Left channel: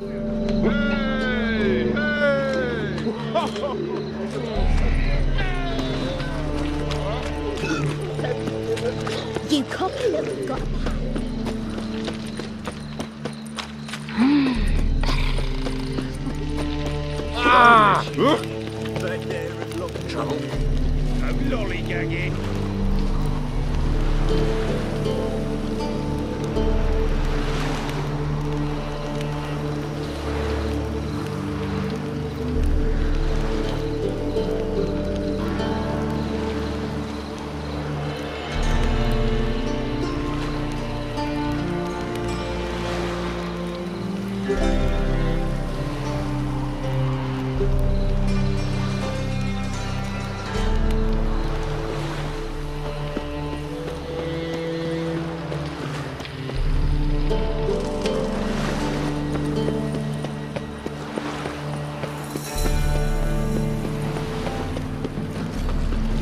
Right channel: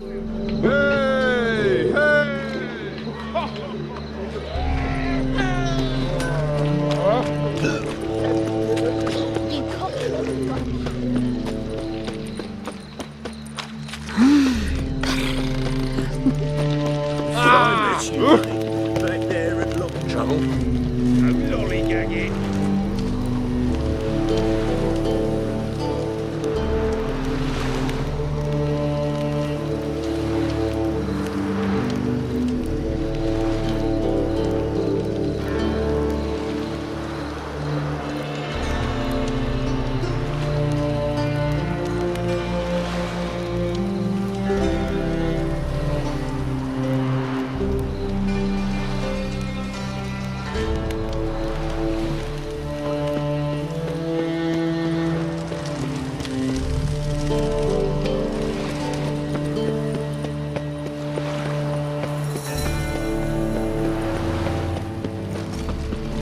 You cocky little got Back there and look trouble. No lollygagging.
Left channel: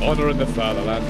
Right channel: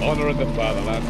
Honor in the fatherland.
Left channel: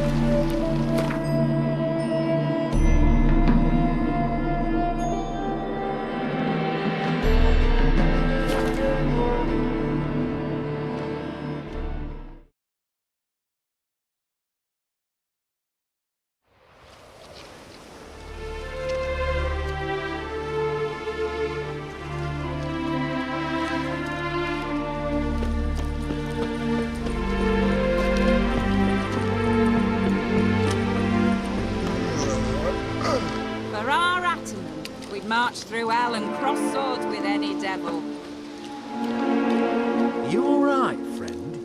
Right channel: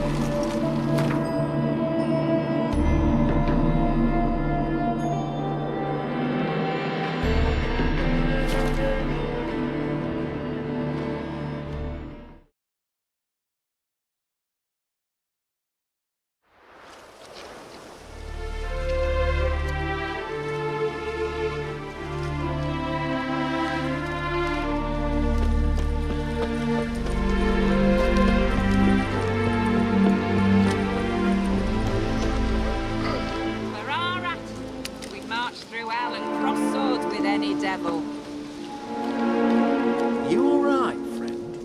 For our Atom, we'd march through hell and cross swords with any devil. Are you all right, friend?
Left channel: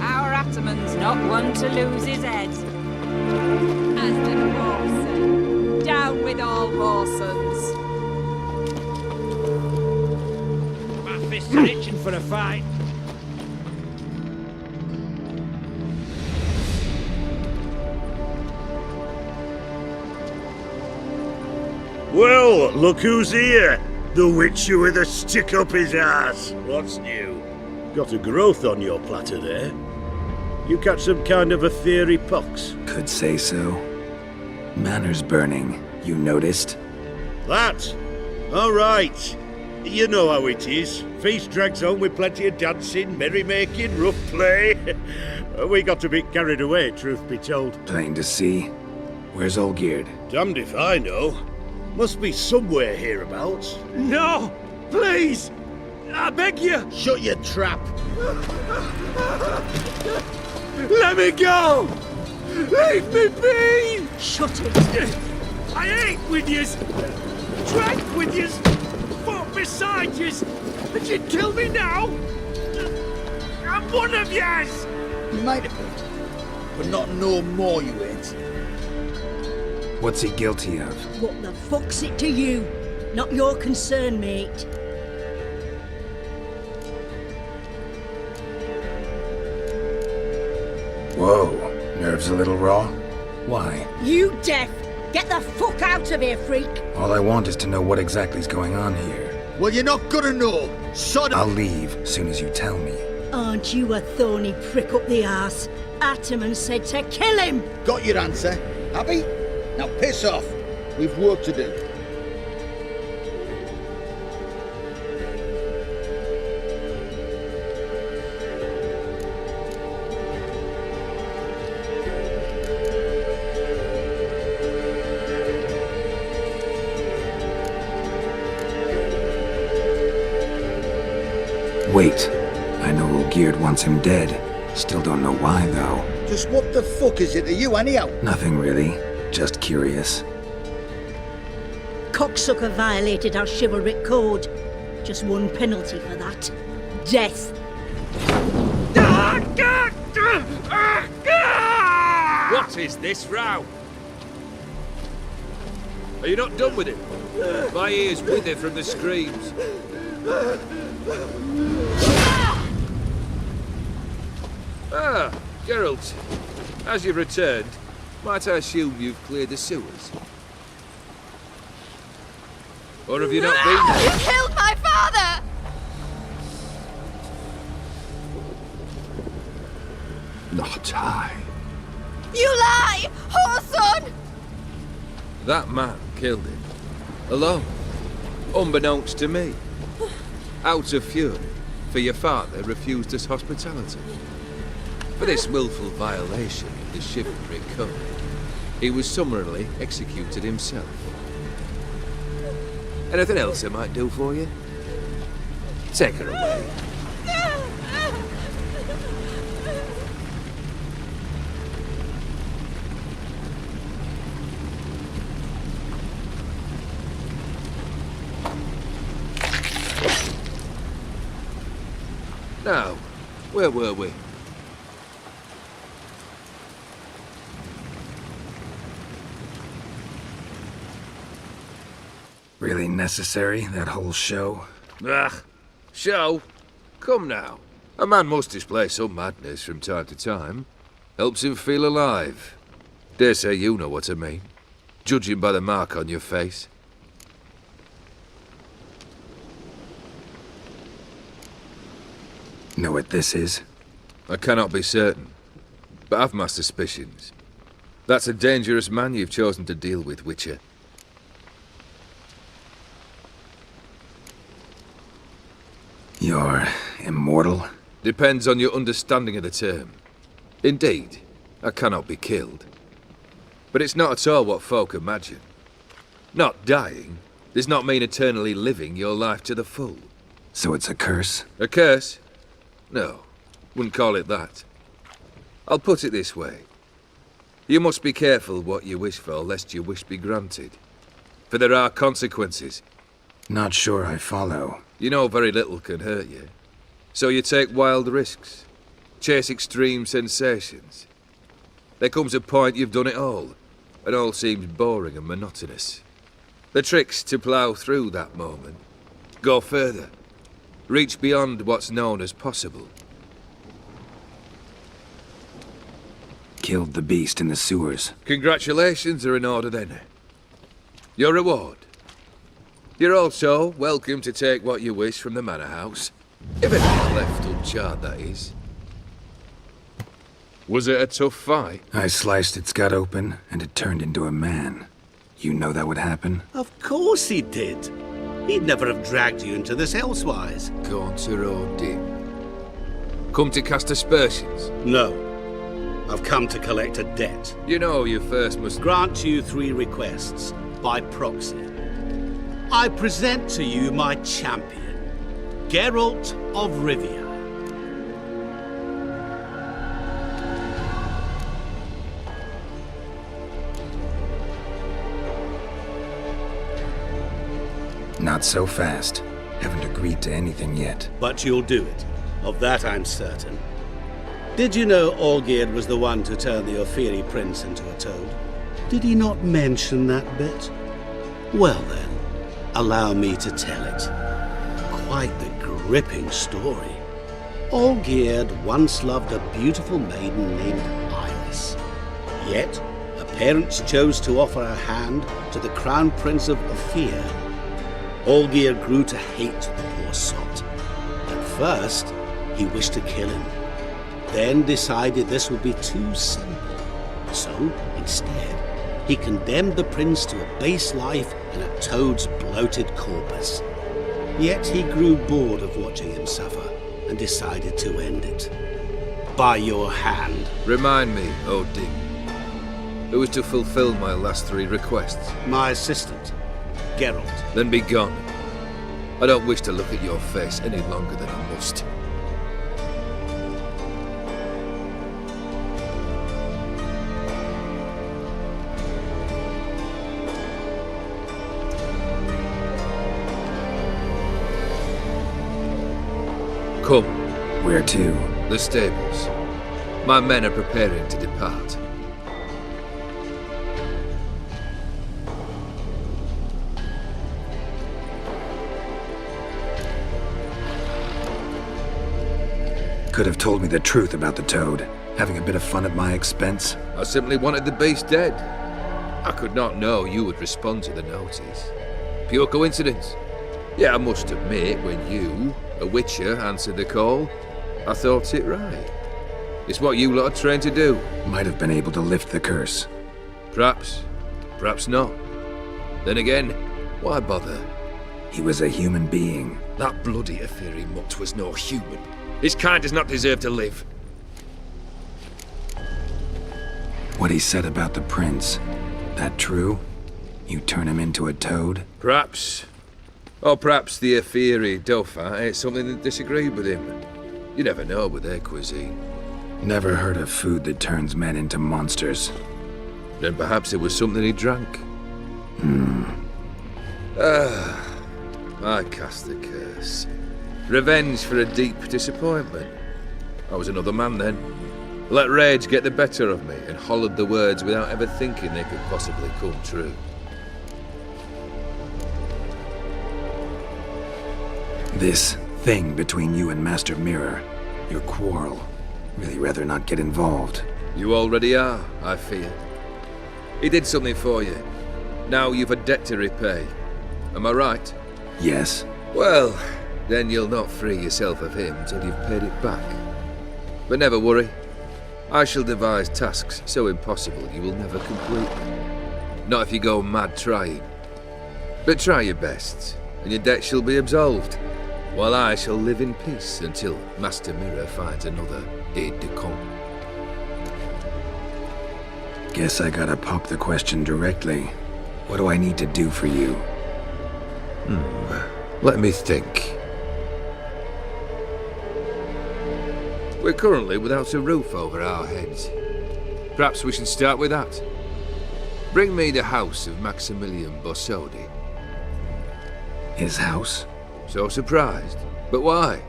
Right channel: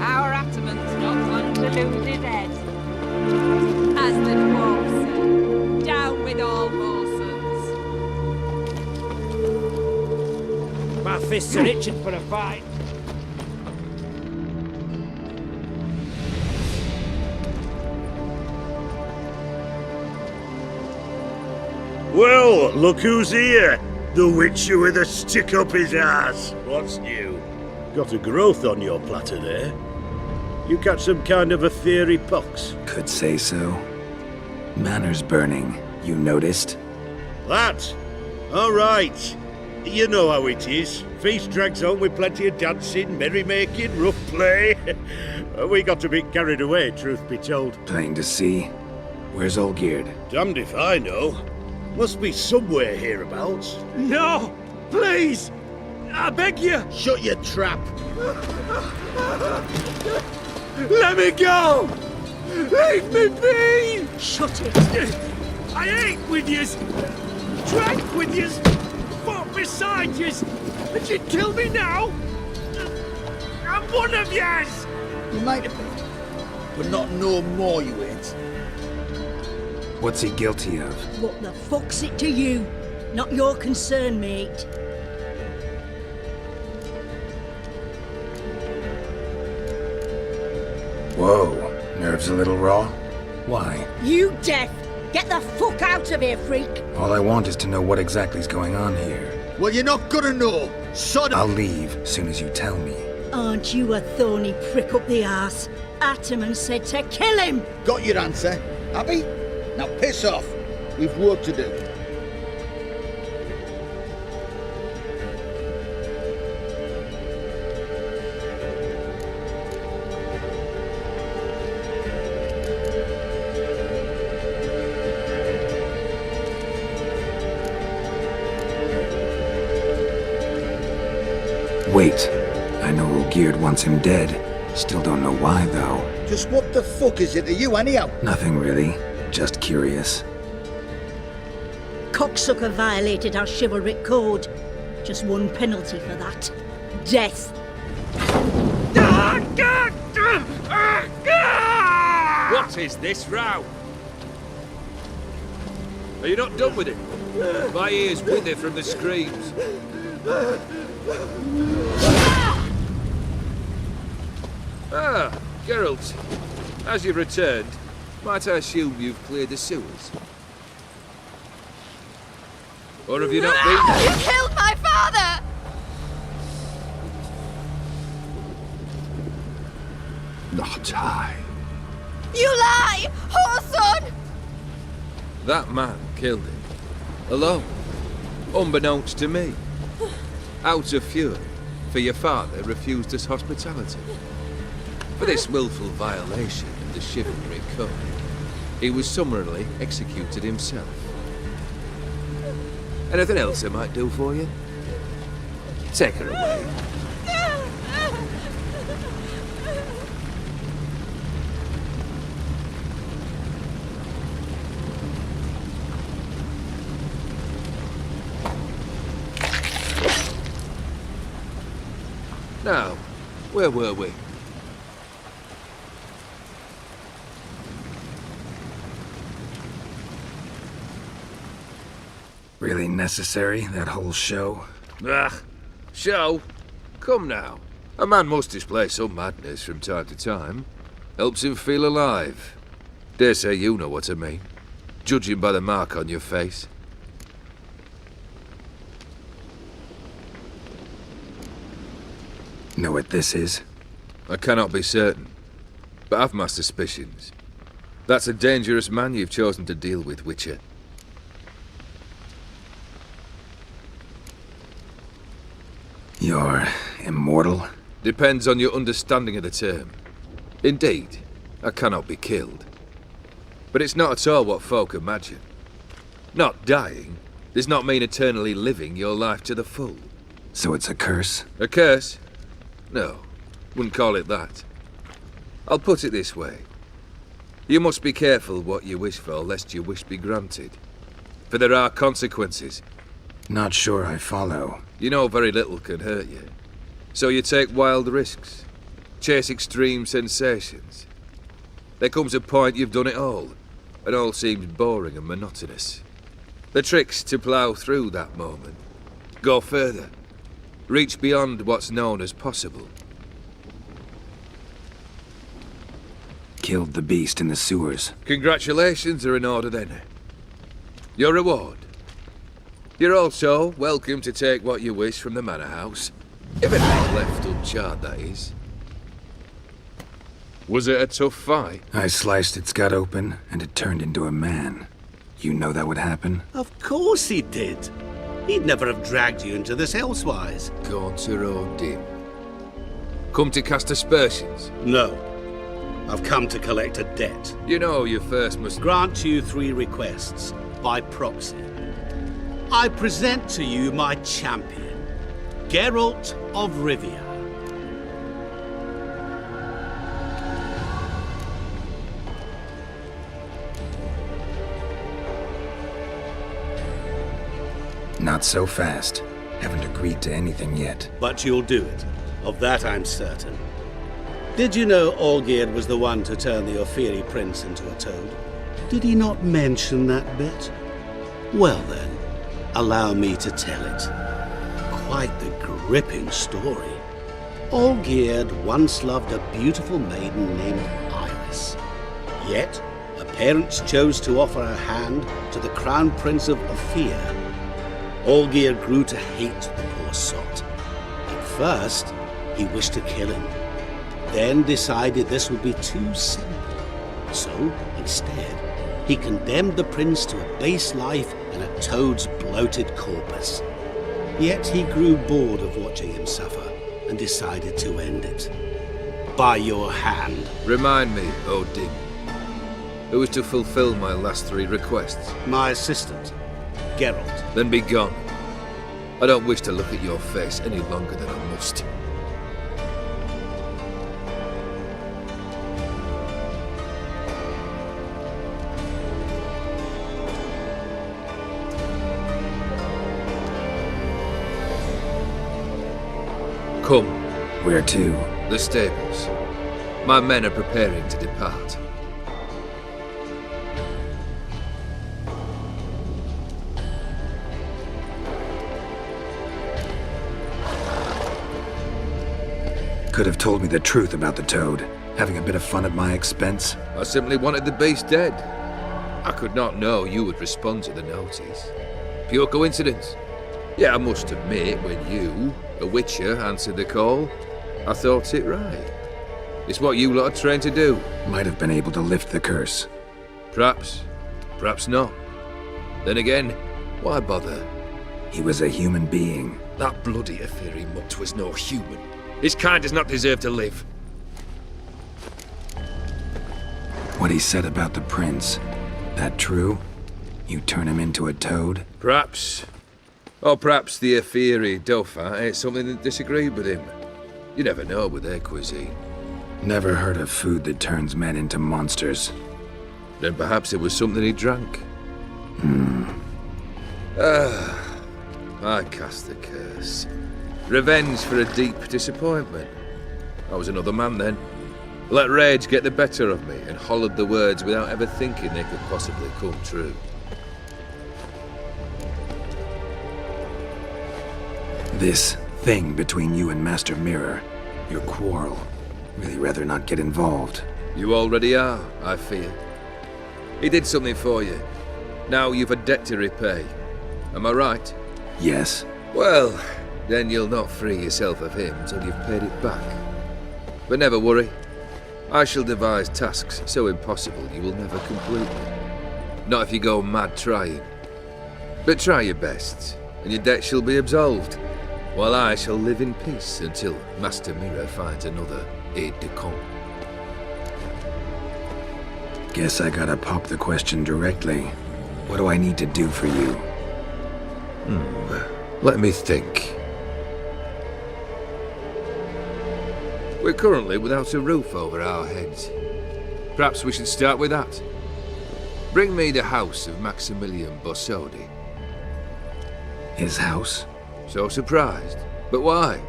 Our Ataman's not one to lose his head. As the dwarves say, down with all whoresons. My fists are itching for a fight. Well, look who's here. The Witcher with a stick up his ass. What's new? Got a growth on your platter there. You catch some kind of a theory pox? Could say so. Manor's burning, you noticed? That? All right. You know how it is. Feast drags on with plenty of dancing, merrymaking, rough play. We got a bit carried away, truth be told. Plain to see. Where's Olgierd? Damned if I know. Must be somewhere hereabouts. No! Please! I beg you! Shut your trap. Let me go! Leave me be! Shut it. I ate with yous, drank with yous, fought beside yous, and you'd kill me now? I'm one of yous! You might have been, but not no more you ain't. What's he guilty of? What the fuck's it to you? Not your concern, mate. Whoa, nerves a little raw? Why? You deaf! Get the fuck out of here, freak! All I want is to know what exactly's going on here. Well, you're not gonna know. Sod I'll leave soon as you tell me. Aren't you a thorny prick up the arse? Ataman said to kill him! Got your answer. Happy? Now piss off. We've work to do. Wait. I know Olgierd wants him dead. Still don't know why, though. Just what the fuck is it to you anyhow? Nothing really. Just curious. Cocksucker violated our chivalric code. Just one penalty for that. Death. What is this row? Are you not done with it? My ears wither from the screams. Ah, Geralt. As you've returned, might I assume you've cleared the sewers? Or have you not been? You killed my father! Not I. You lie! Whoreson! That man killed him. Alone. Unbeknownst to me. Out of fury, for your father refused us hospitality. For this willful violation of the chivalry code, he was summarily executed himself. Anything else I might do for you? Take her away. Now, where were we? Really necessary, that whole show? Ah, show? Come now. A man must display some madness from time to time. Helps him feel alive. Dare say you know what I mean. Judging by the mark on your face. Know what this is? I cannot be certain, but I've my suspicions. That's a dangerous man you've chosen to deal with, Witcher. You're immortal? Depends on your understanding of the term. Indeed, I cannot be killed. But it's not at all what folk imagine. Not dying does not mean eternally living your life to the full. So it's a curse? A curse? No, wouldn't call it that. I'll put it this way. You must be careful what you wish for, lest your wish be granted. For there are consequences. Not sure I follow. You know very little can hurt you. So you take wild risks. Chase extreme sensations. There comes a point you've done it all, and all seems boring and monotonous. The trick's to plough through that moment. Go further. Reach beyond what's known as possible. Killed the beast in the sewers. Congratulations are in order then. Your reward. You're also welcome to take what you wish from the manor house. If anything's left uncharred, that is. Was it a tough fight? I sliced its gut open, and it turned into a man. You know that would happen? Of course he did. He'd never have dragged you into this elsewise. Gaunter or dim. Come to cast aspersions. No. I've come to collect a debt. You know you first must Grant you 3 requests, by proxy. I present to you my champion, Geralt of Rivia. Not so fast. Haven't agreed to anything yet. But you'll do it. Of that I'm certain. Did you know Olgierd was the one to turn the Ofiri prince into a toad? Did he not mention that bit? Well then, allow me to tell it. Quite the gripping story. Olgierd once loved a beautiful maiden named Iris. Yet, her parents chose to offer her hand to the Crown Prince of Ophir. Olgierd grew to hate the poor sot. At first, he wished to kill him. Then decided this would be too simple. So, instead, he condemned the prince to a base life in a toad's bloated corpus. Yet he grew bored of watching him suffer and decided to end it. By your hand. Remind me, Odin. Who is to fulfill my last 3 requests? My assistant, Geralt. Then be gone. I don't wish to look at your face any longer than I must. Come. Where to? The stables. My men are preparing to depart. Could have told me the truth about the toad. Having a bit of fun at my expense. I simply wanted the beast dead. I could not know you would respond to the notice. Pure coincidence. Yeah, I must admit, when you, a witcher, answered the call, I thought it right. It's what you lot are trained to do. Might have been able to lift the curse. Perhaps. Perhaps not. Then again, why bother? He was a human being. That bloody Aetheri mutt was no human. His kind does not deserve to live. What he said about the prince, that true? You turn him into a toad? Perhaps. Or perhaps the Aetheri Dauphin ate something that disagreed with him. You never know with their cuisine. Never heard of food that turns men into monsters. Then perhaps it was something he drank. I cast the curse. Revenge for a deep disappointment. I was another man then. Let rage get the better of me and hollered the words without ever thinking they could possibly come true. This thing between you and Master Mirror, your quarrel, really rather not get involved. You already are, I fear. He did something for you. Now you've a debt to repay. Am I right? Yes. Well, then you'll not free yourself of him until you've paid it back. But never worry. I shall devise tasks so impossible you will never complete them. Not if you go mad trying. But try your best, and your debt shall be absolved, while I shall live in peace until Master Mirror finds another aide-de-camp. Guess I gotta pop the question directly. What do I need to do for you? Let me think. We're currently without a roof over our heads. Perhaps we should start with that. Bring me the house of Maximilian Bossodi. His house? So surprised. But why?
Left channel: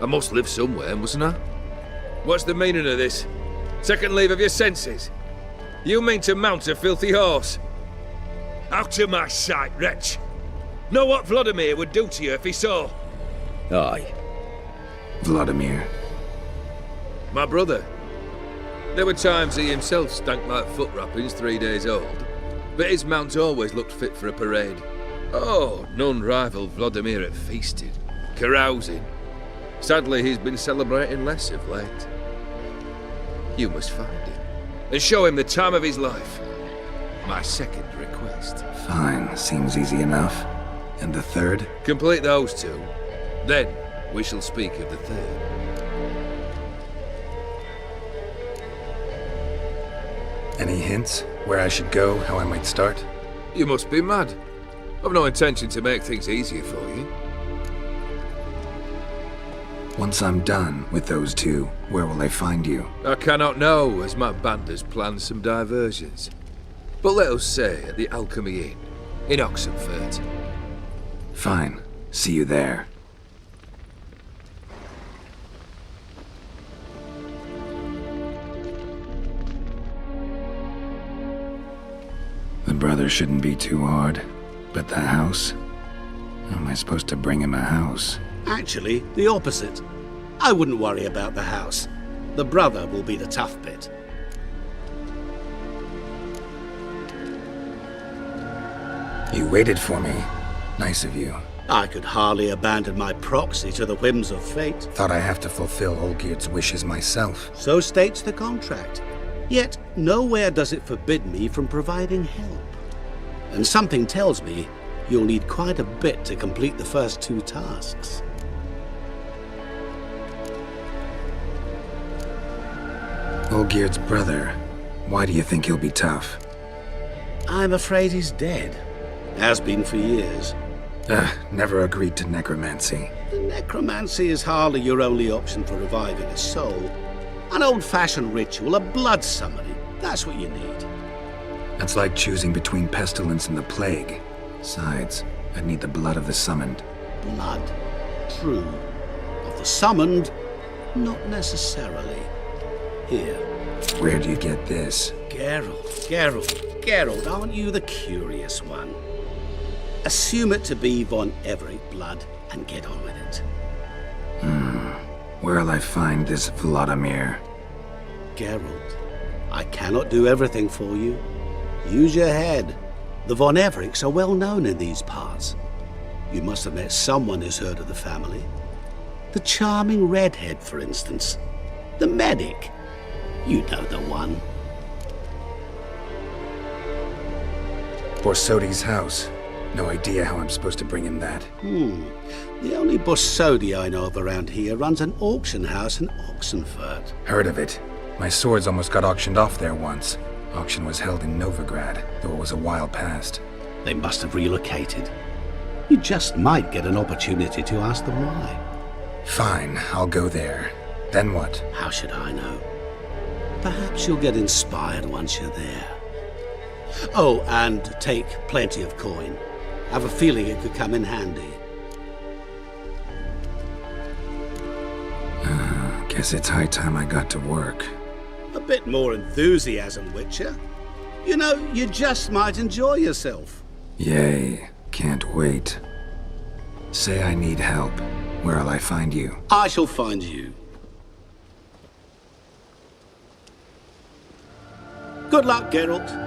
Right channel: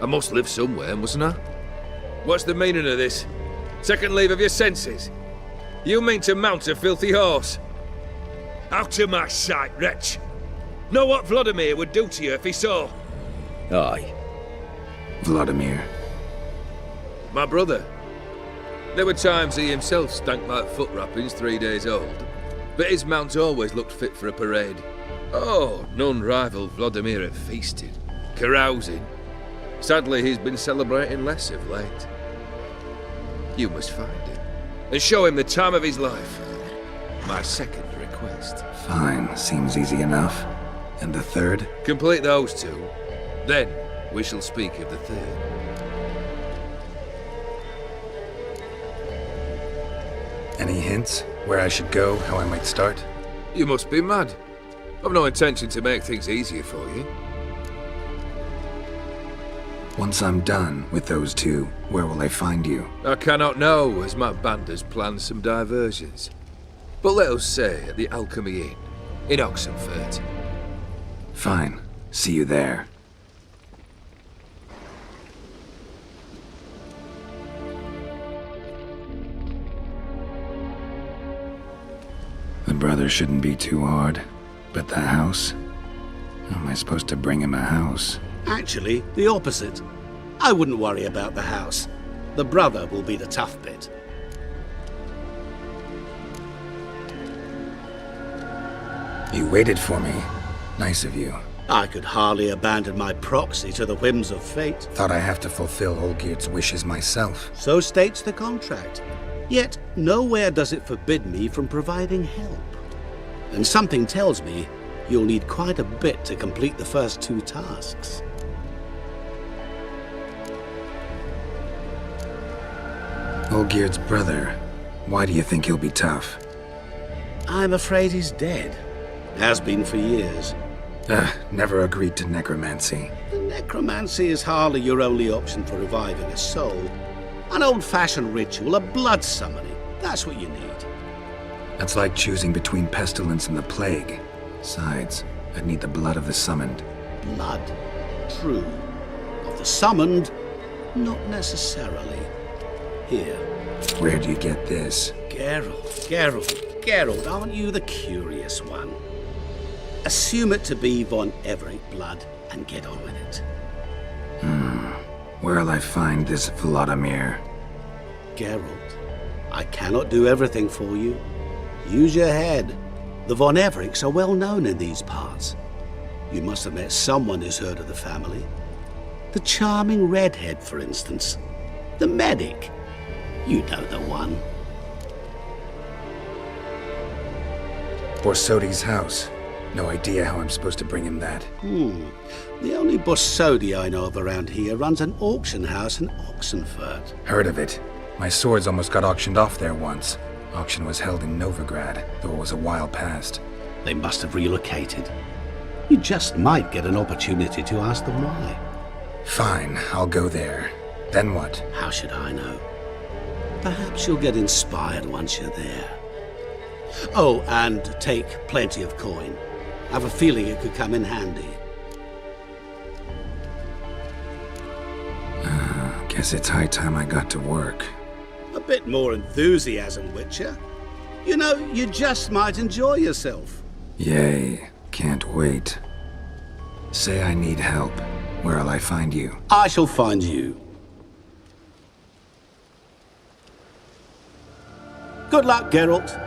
I must live somewhere, mustn't I? What's the meaning of this? Second leave of your senses? You mean to mount a filthy horse? Out of my sight, wretch! Know what Vladimir would do to you if he saw? Aye. Vladimir. My brother. There were times he himself stank like foot wrappings 3 days old, but his mount always looked fit for a parade. Oh, none rivaled Vladimir at feasting, carousing. Sadly, he's been celebrating less of late. You must find him, and show him the time of his life. My second request. Fine, seems easy enough. And the third? Complete those two, then we shall speak of the third. Any hints? Where I should go? How I might start? You must be mad. I've no intention to make things easier for you. Once I'm done with those two, where will I find you? I cannot know, as my band has planned some diversions. But let us say at the Alchemy Inn, in Oxenfurt. Fine. See you there. The brother shouldn't be too hard. But the house? How am I supposed to bring him a house? Actually, the opposite. I wouldn't worry about the house. The brother will be the tough bit. You waited for me. Nice of you. I could hardly abandon my proxy to the whims of fate. Thought I have to fulfill Olgierd's wishes myself. So states the contract. Yet, nowhere does it forbid me from providing help. And something tells me you'll need quite a bit to complete the first two tasks. Olgierd's brother. Why do you think he'll be tough? I'm afraid he's dead. Has been for years. Never agreed to necromancy. The necromancy is hardly your only option for reviving a soul. An old-fashioned ritual, a blood summoning. That's what you need. That's like choosing between pestilence and the plague. Besides, I'd need the blood of the summoned. Blood. True. Of the summoned, not necessarily. Here. Where do you get this? Geralt, aren't you the curious one? Assume it to be von Everett blood and get on with it. Where'll I find this Vladimir? Geralt, I cannot do everything for you. Use your head. The von Evericks are well known in these parts. You must have met someone who's heard of the family. The charming redhead, for instance. The medic. You know the one. Borsodi's house. No idea how I'm supposed to bring him that. The only Borsodi I know of around here runs an auction house in Oxenfurt. Heard of it. My swords almost got auctioned off there once. Auction was held in Novigrad, though it was a while past. They must have relocated. You just might get an opportunity to ask them why. Fine, I'll go there. Then what? How should I know? Perhaps you'll get inspired once you're there. Oh, and take plenty of coin. I have a feeling it could come in handy. Guess it's high time I got to work. A bit more enthusiasm, Witcher. You know, you just might enjoy yourself. Yay, can't wait. Say I need help. Where'll I find you? I shall find you. Good luck, Geralt.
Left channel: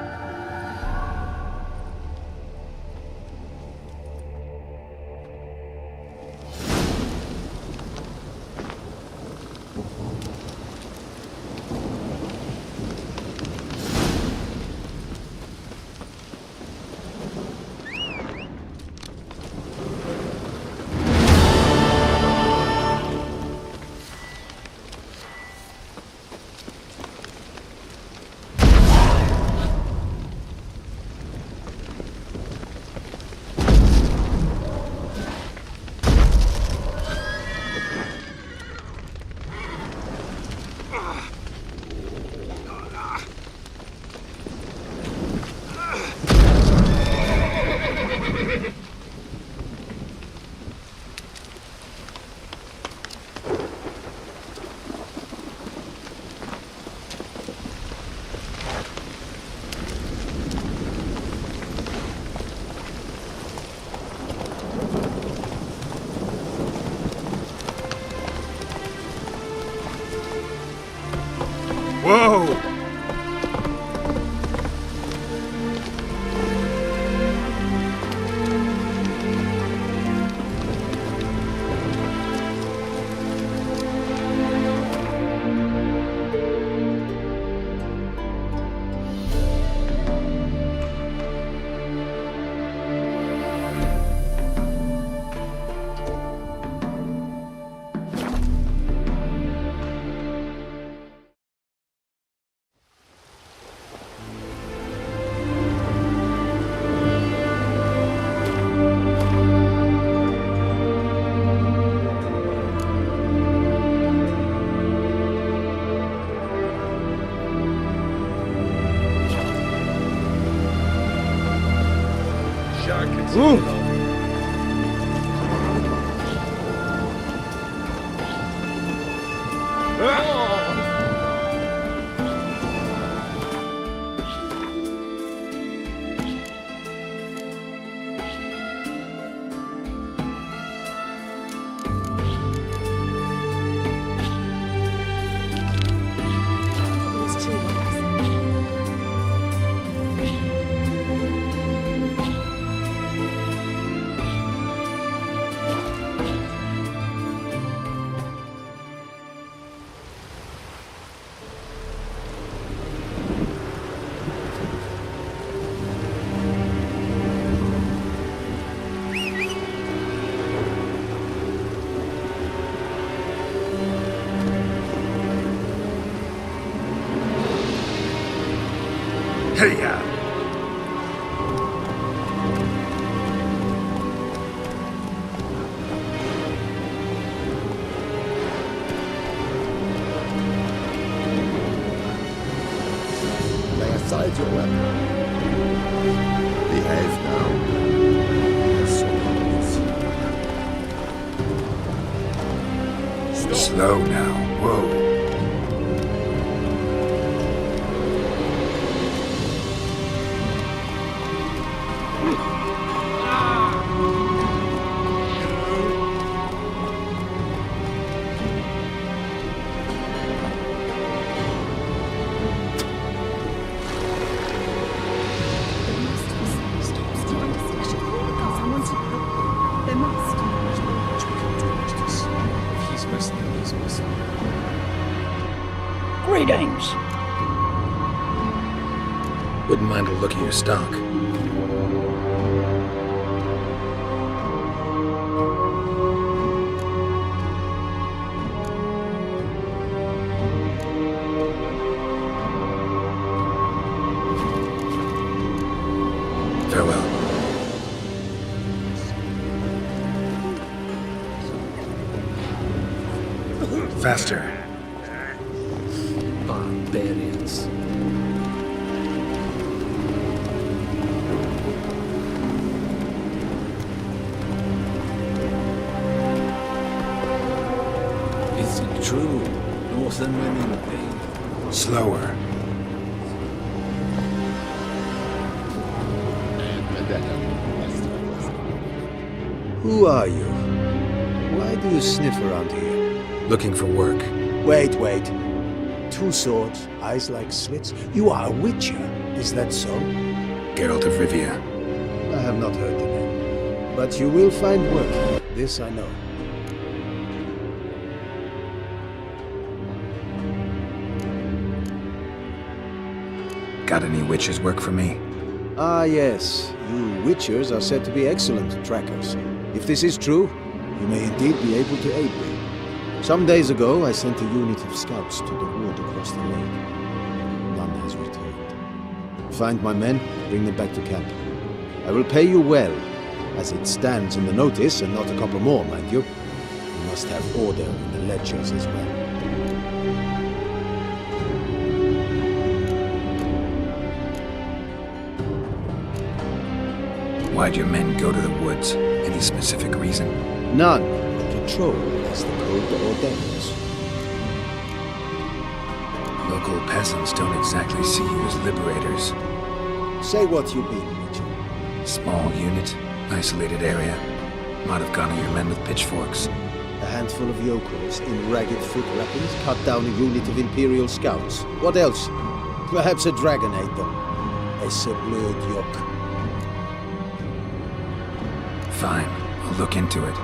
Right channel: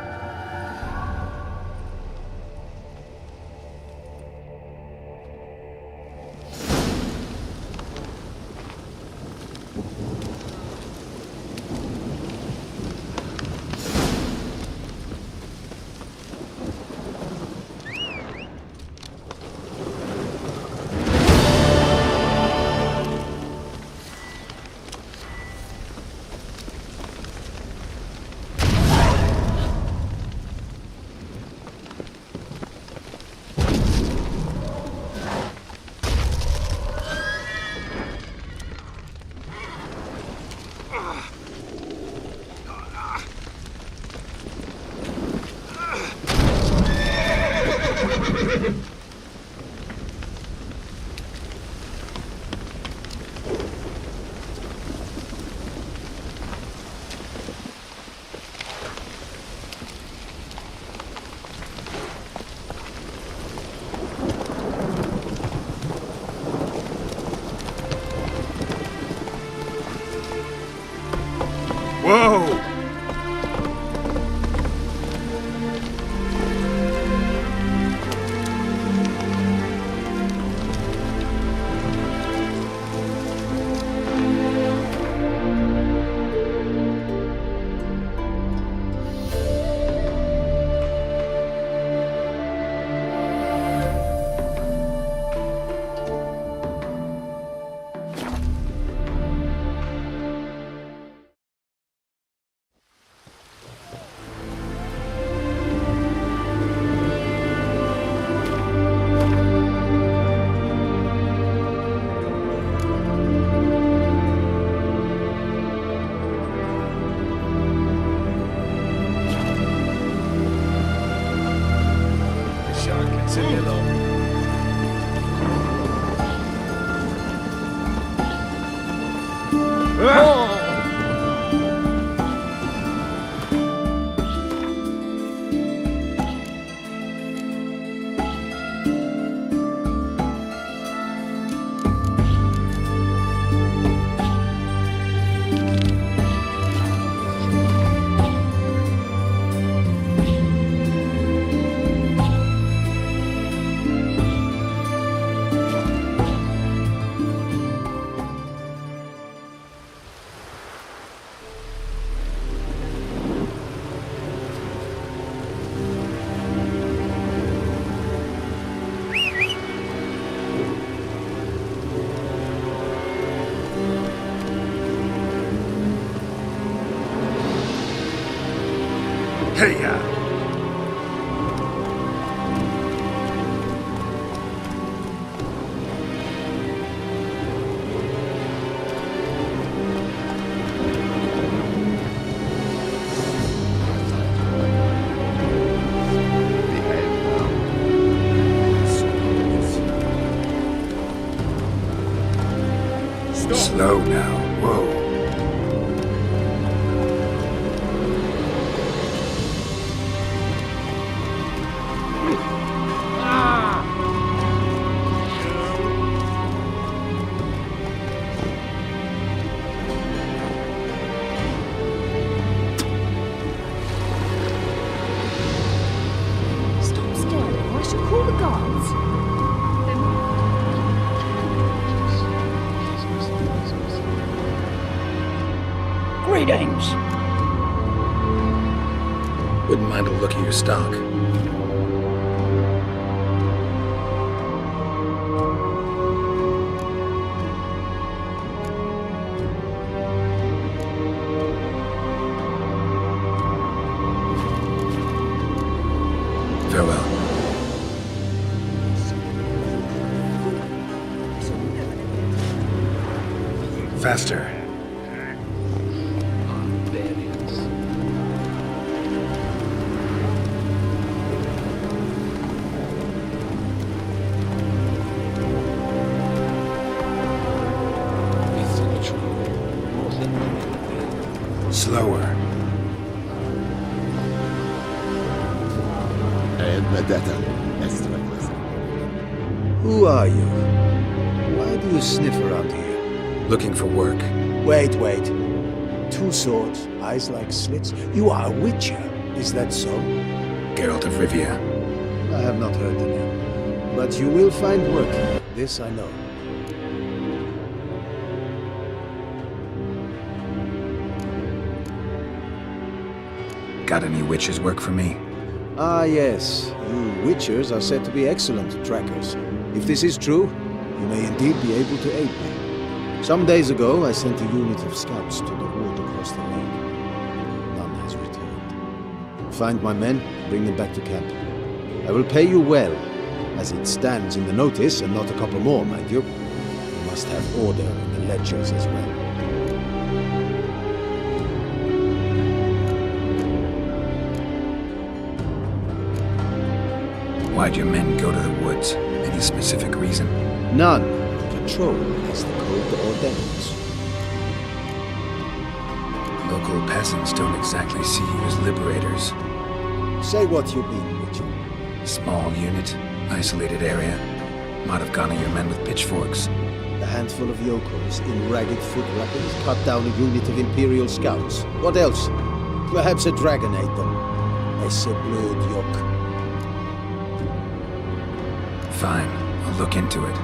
Whoa! Hey-ya! Slow now. Whoa. Stop staring, or I shall call the guards. Greetings. Wouldn't mind a look at your stock. Farewell. Faster. Barbarians. Is it true? Slower. Who are you? Why do you sniff around here? Looking for work. Wait. 2 swords, eyes like slits. You are a witcher, is that so? Geralt of Rivia. I have not heard the name. But you will find work here, this I know. Got any witches work for me? Ah yes, you witchers are said to be excellent trackers. If this is true, you may indeed be able to aid me. Some days ago, I sent a unit of scouts to the wood across the lake. None has returned. Find my men, bring them back to camp. I will pay you well, as it stands in the notice, and not a couple more, mind you. You must have order in the ledgers as well. Why'd your men go to the woods? Any specific reason? None. Patrol as the code ordains. Local peasants don't exactly see you as liberators. Say what you mean, Witcher. Small unit, isolated area. Might have gone at your men with pitchforks. A handful of yokels in ragged foot wrappings cut down a unit of Imperial scouts. What else? Perhaps a dragon ate them. Esse blöd yoke. Fine, I'll look into it.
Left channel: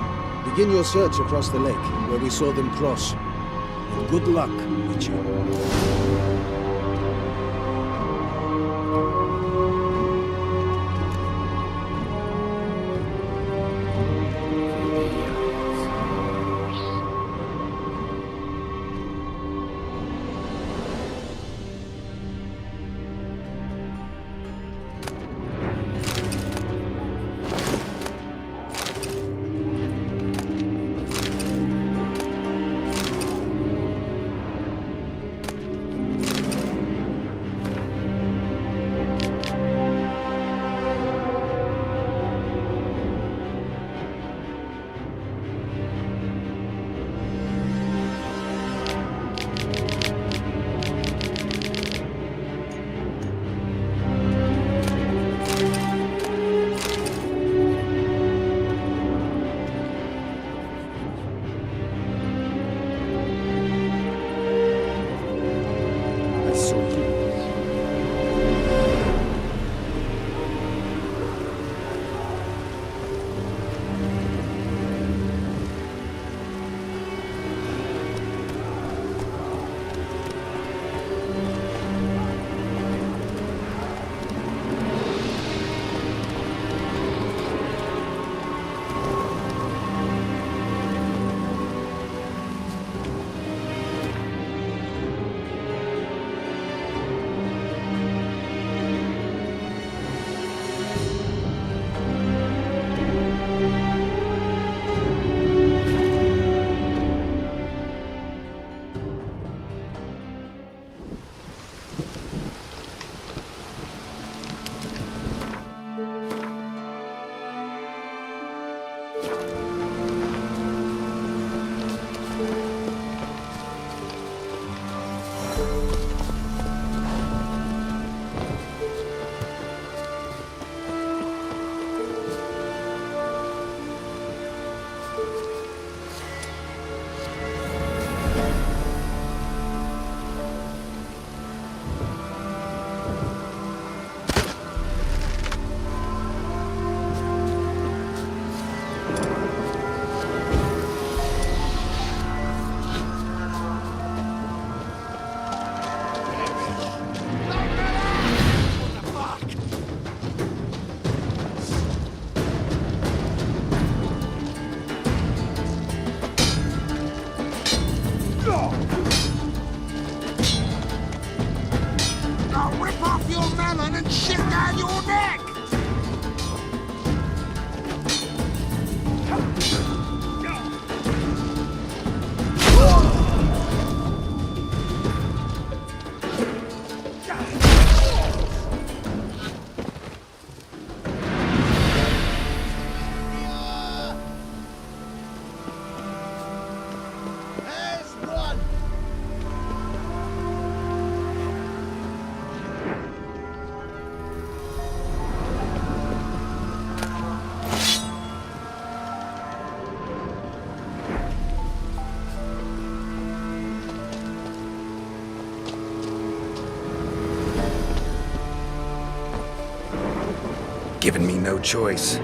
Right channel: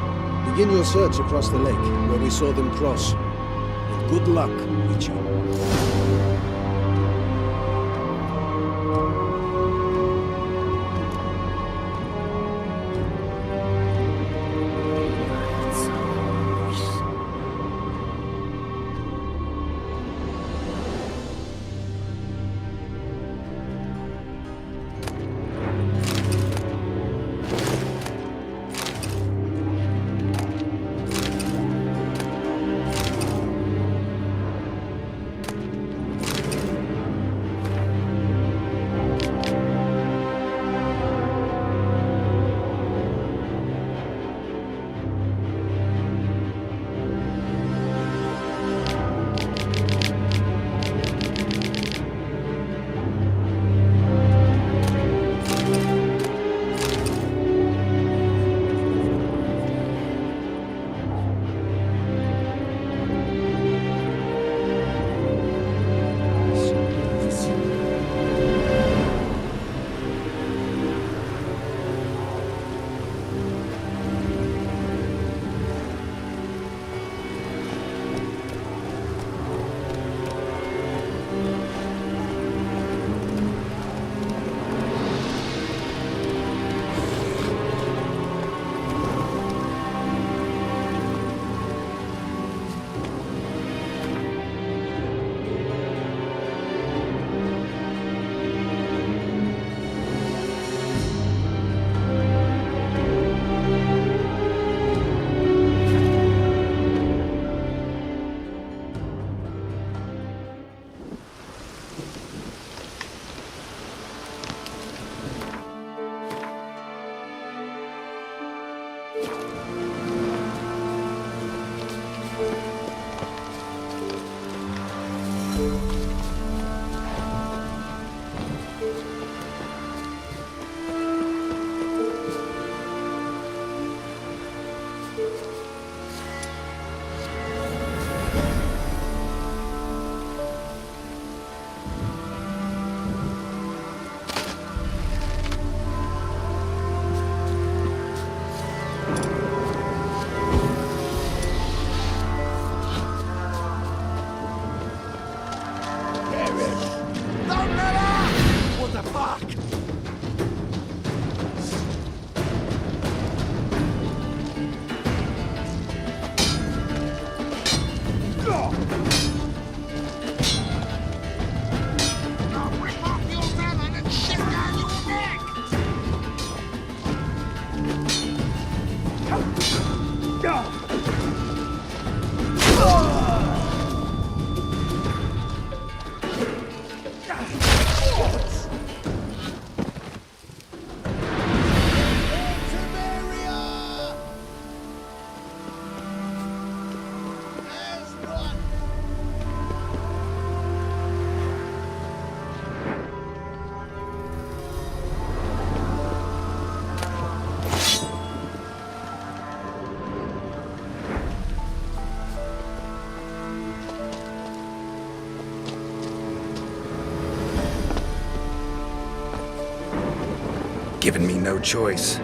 Begin your search across the lake, where we saw them cross. And good luck, Witcher. Iris! What the fuck? I'll rip off your melon and shit down your neck! Ultimaria! As one! Given me no choice.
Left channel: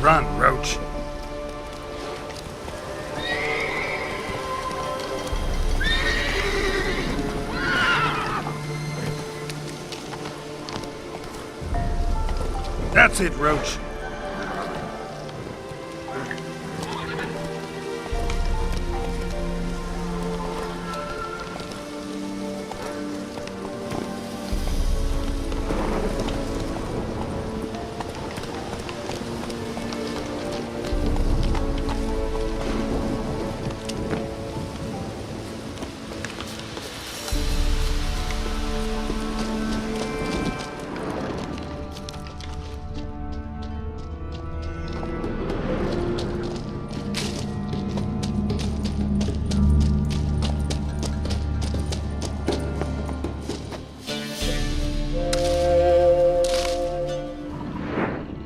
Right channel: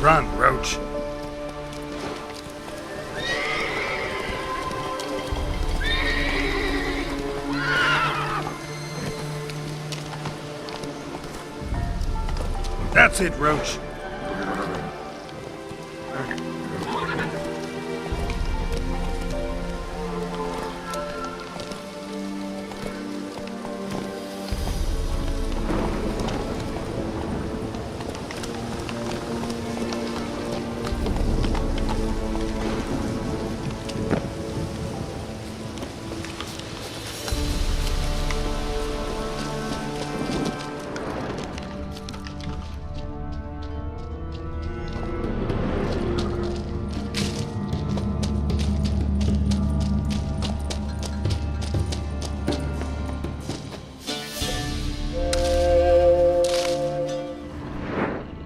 Run, Roach. That's it, Roach.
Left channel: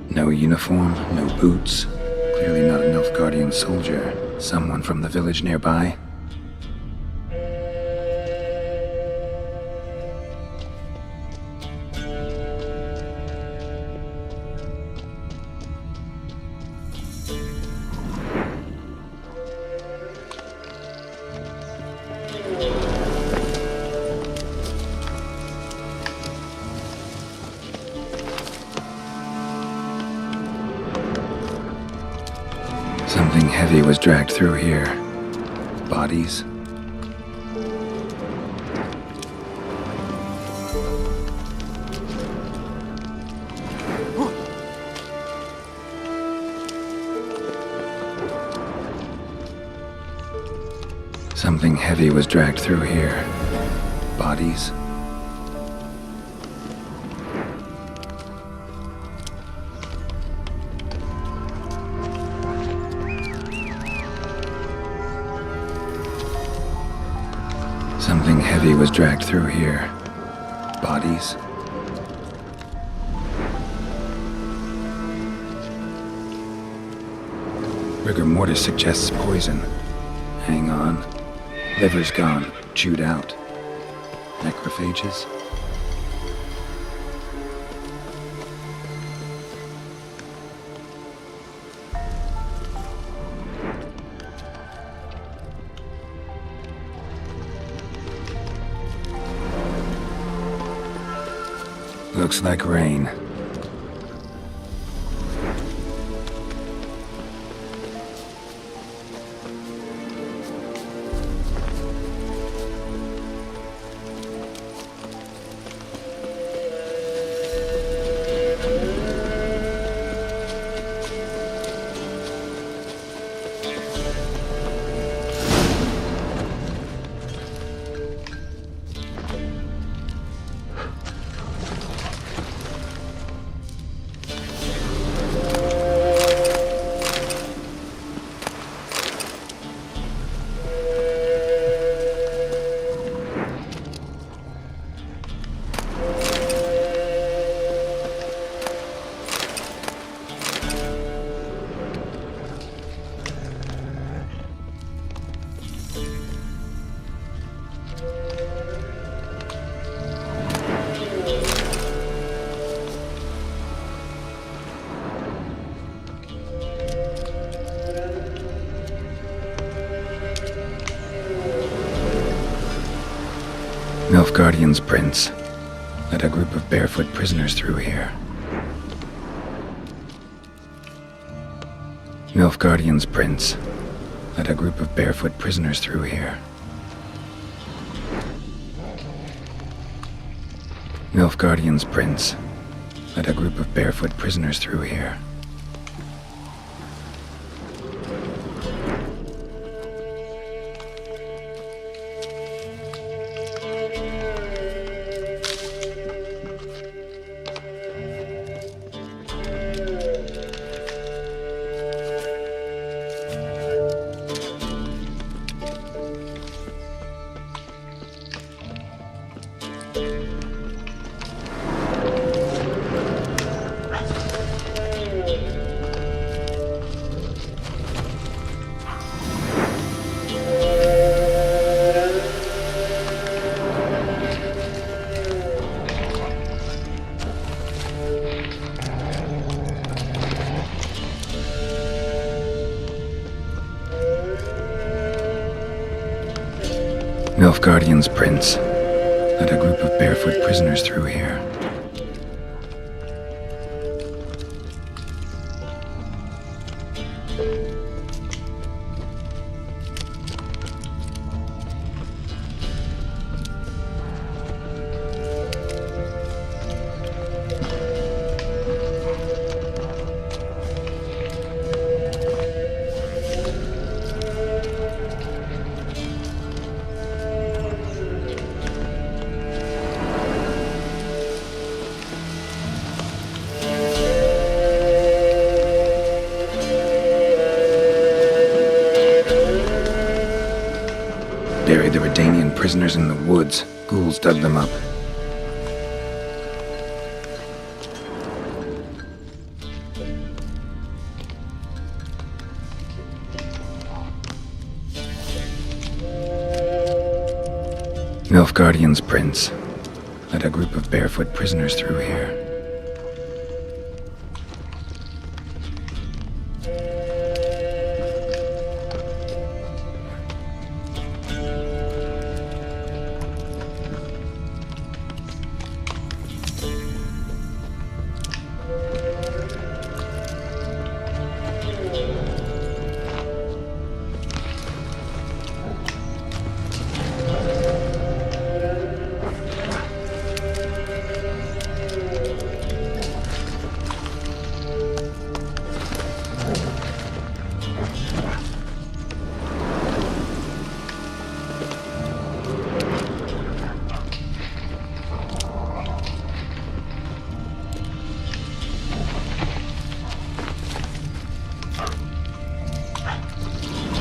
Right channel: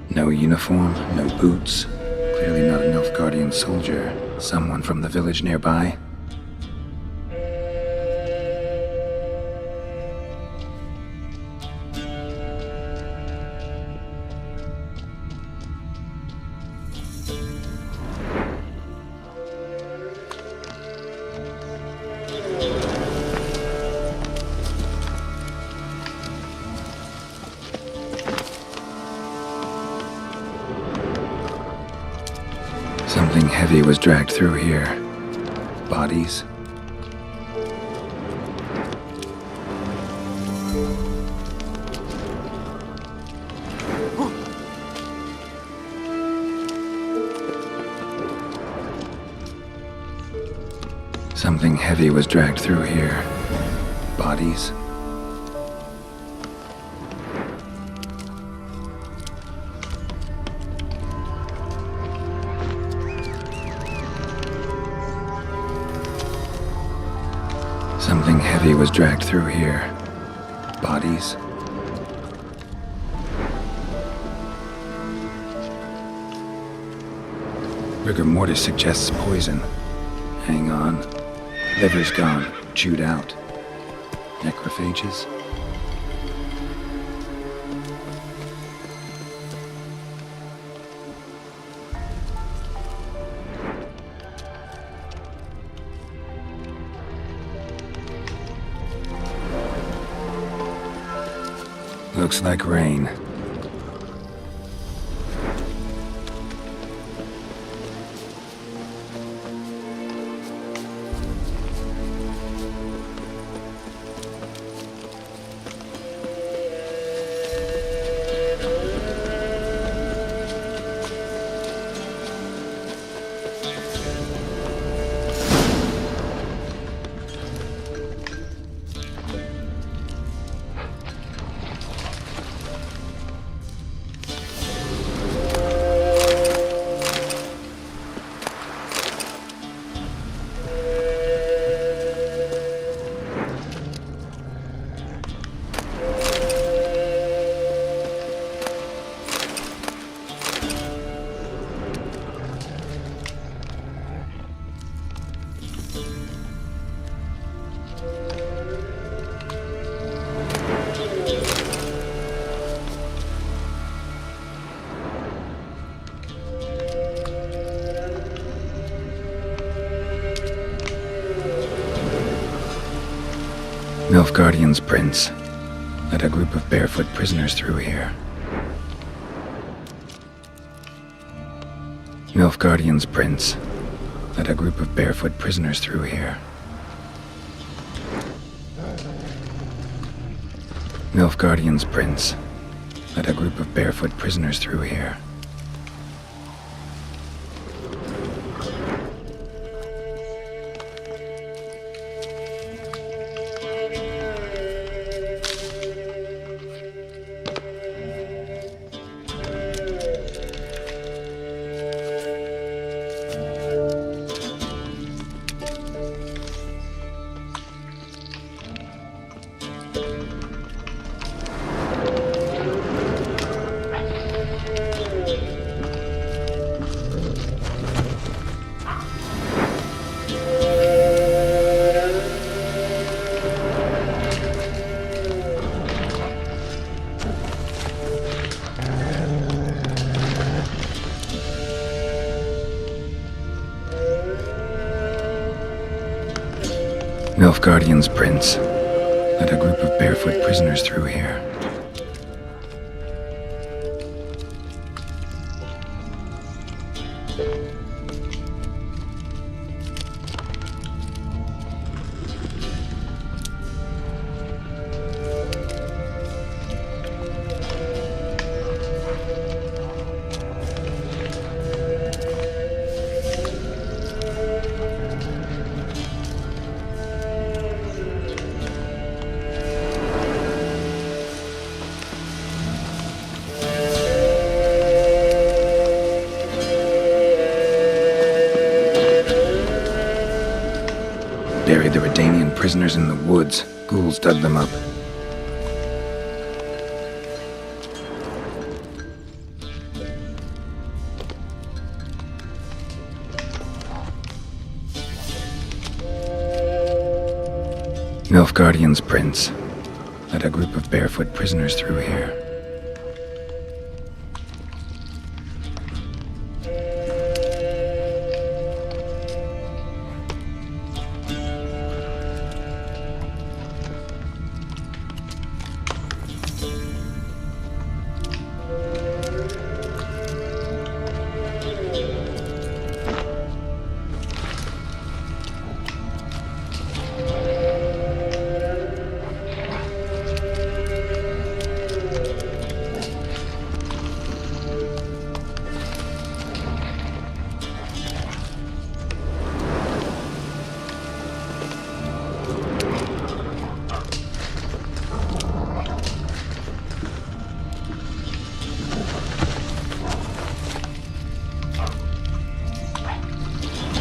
No uniform, no boots. Clearly not a Nilfgaardian soldier. Someone from the village nearby. Something heavy was dragged through here. Bodies. Something heavy was dragged through here. Bodies. Something heavy was dragged through here. Bodies. Rigor mortis suggests poison. Hang on. Liver's gone. Chewed out. Necrophages. Looks like rain. Nilfgaardian's prince led a group of barefoot prisoners through here. Nilfgaardian's prince led a group of barefoot prisoners through here. Nilfgaardian's prince led a group of barefoot prisoners through here. Nilfgaardian's prince led a group of barefoot prisoners through here. Buried the Redanian prisoners in the woods. Ghouls dug them up. Nilfgaardian's prince led a group of barefoot prisoners through here.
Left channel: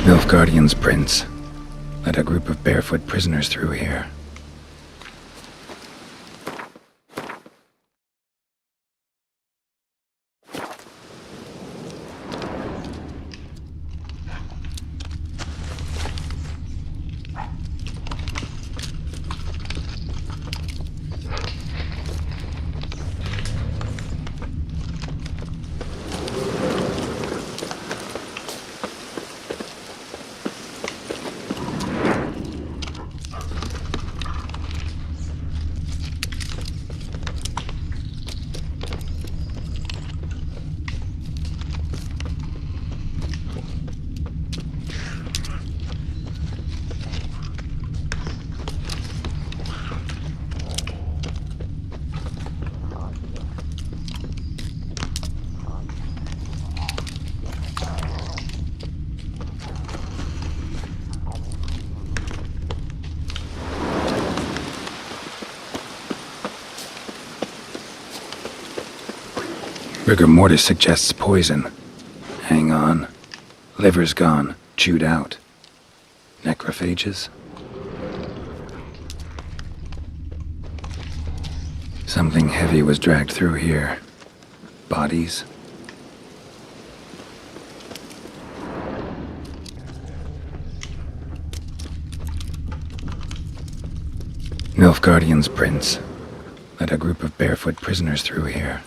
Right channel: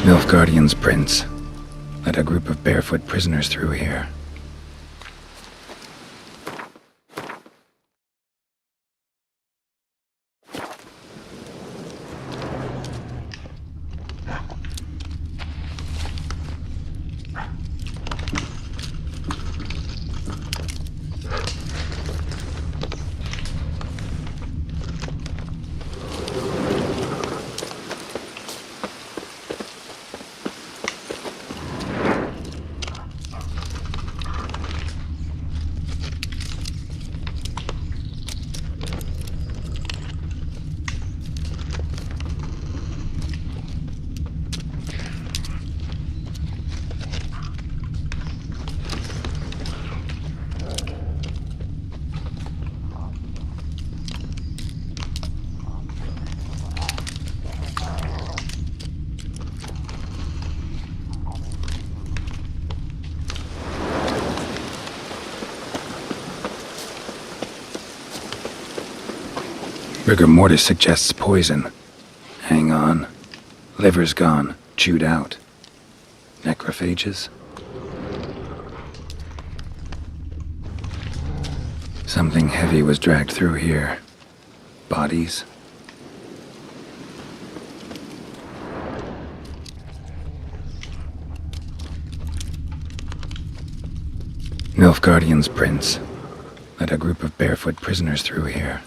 Nilfgaardian's prince led a group of barefoot prisoners through here. Rigor mortis suggests poison. Hang on. Liver's gone, chewed out. Necrophages? Something heavy was dragged through here. Bodies? Nilfgaardian's prince led a group of barefoot prisoners through here.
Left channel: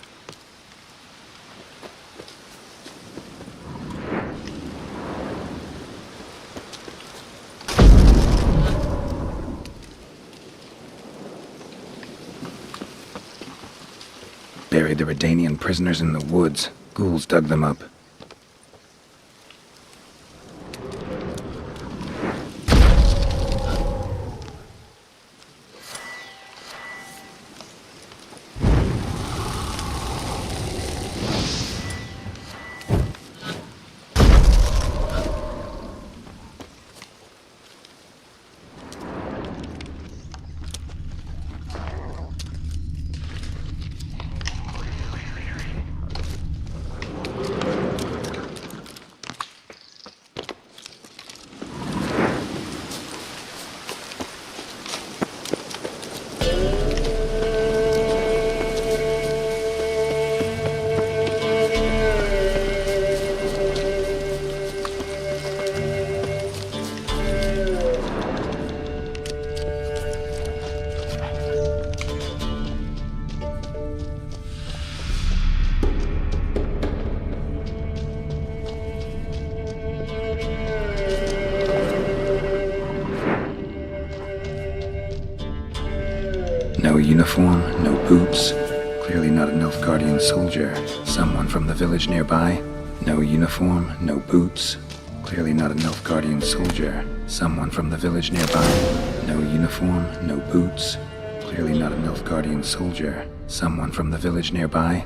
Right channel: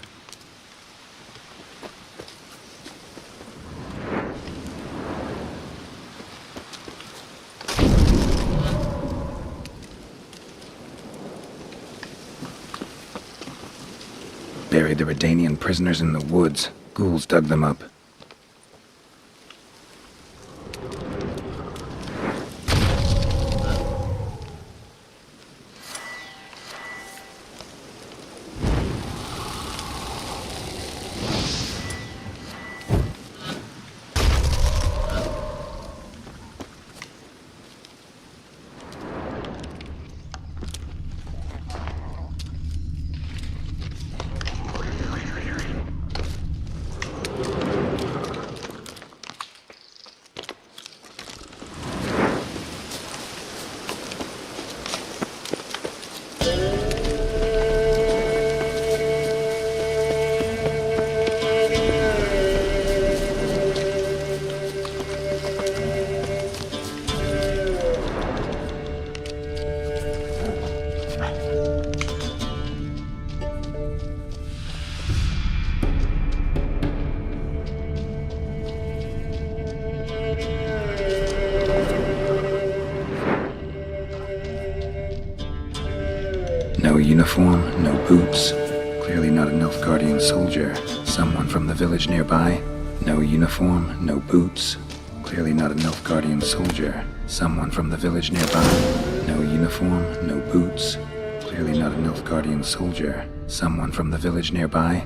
buried the Redanian prisoners in the woods. Ghouls dug them up. No uniform, no boots. Clearly not a Nilfgaardian soldier. Someone from the village nearby. No uniform, no boots. Clearly not a Nilfgaardian soldier. Someone from the village nearby. No uniform, no boots. Clearly not a Nilfgaardian soldier. Someone from the village nearby.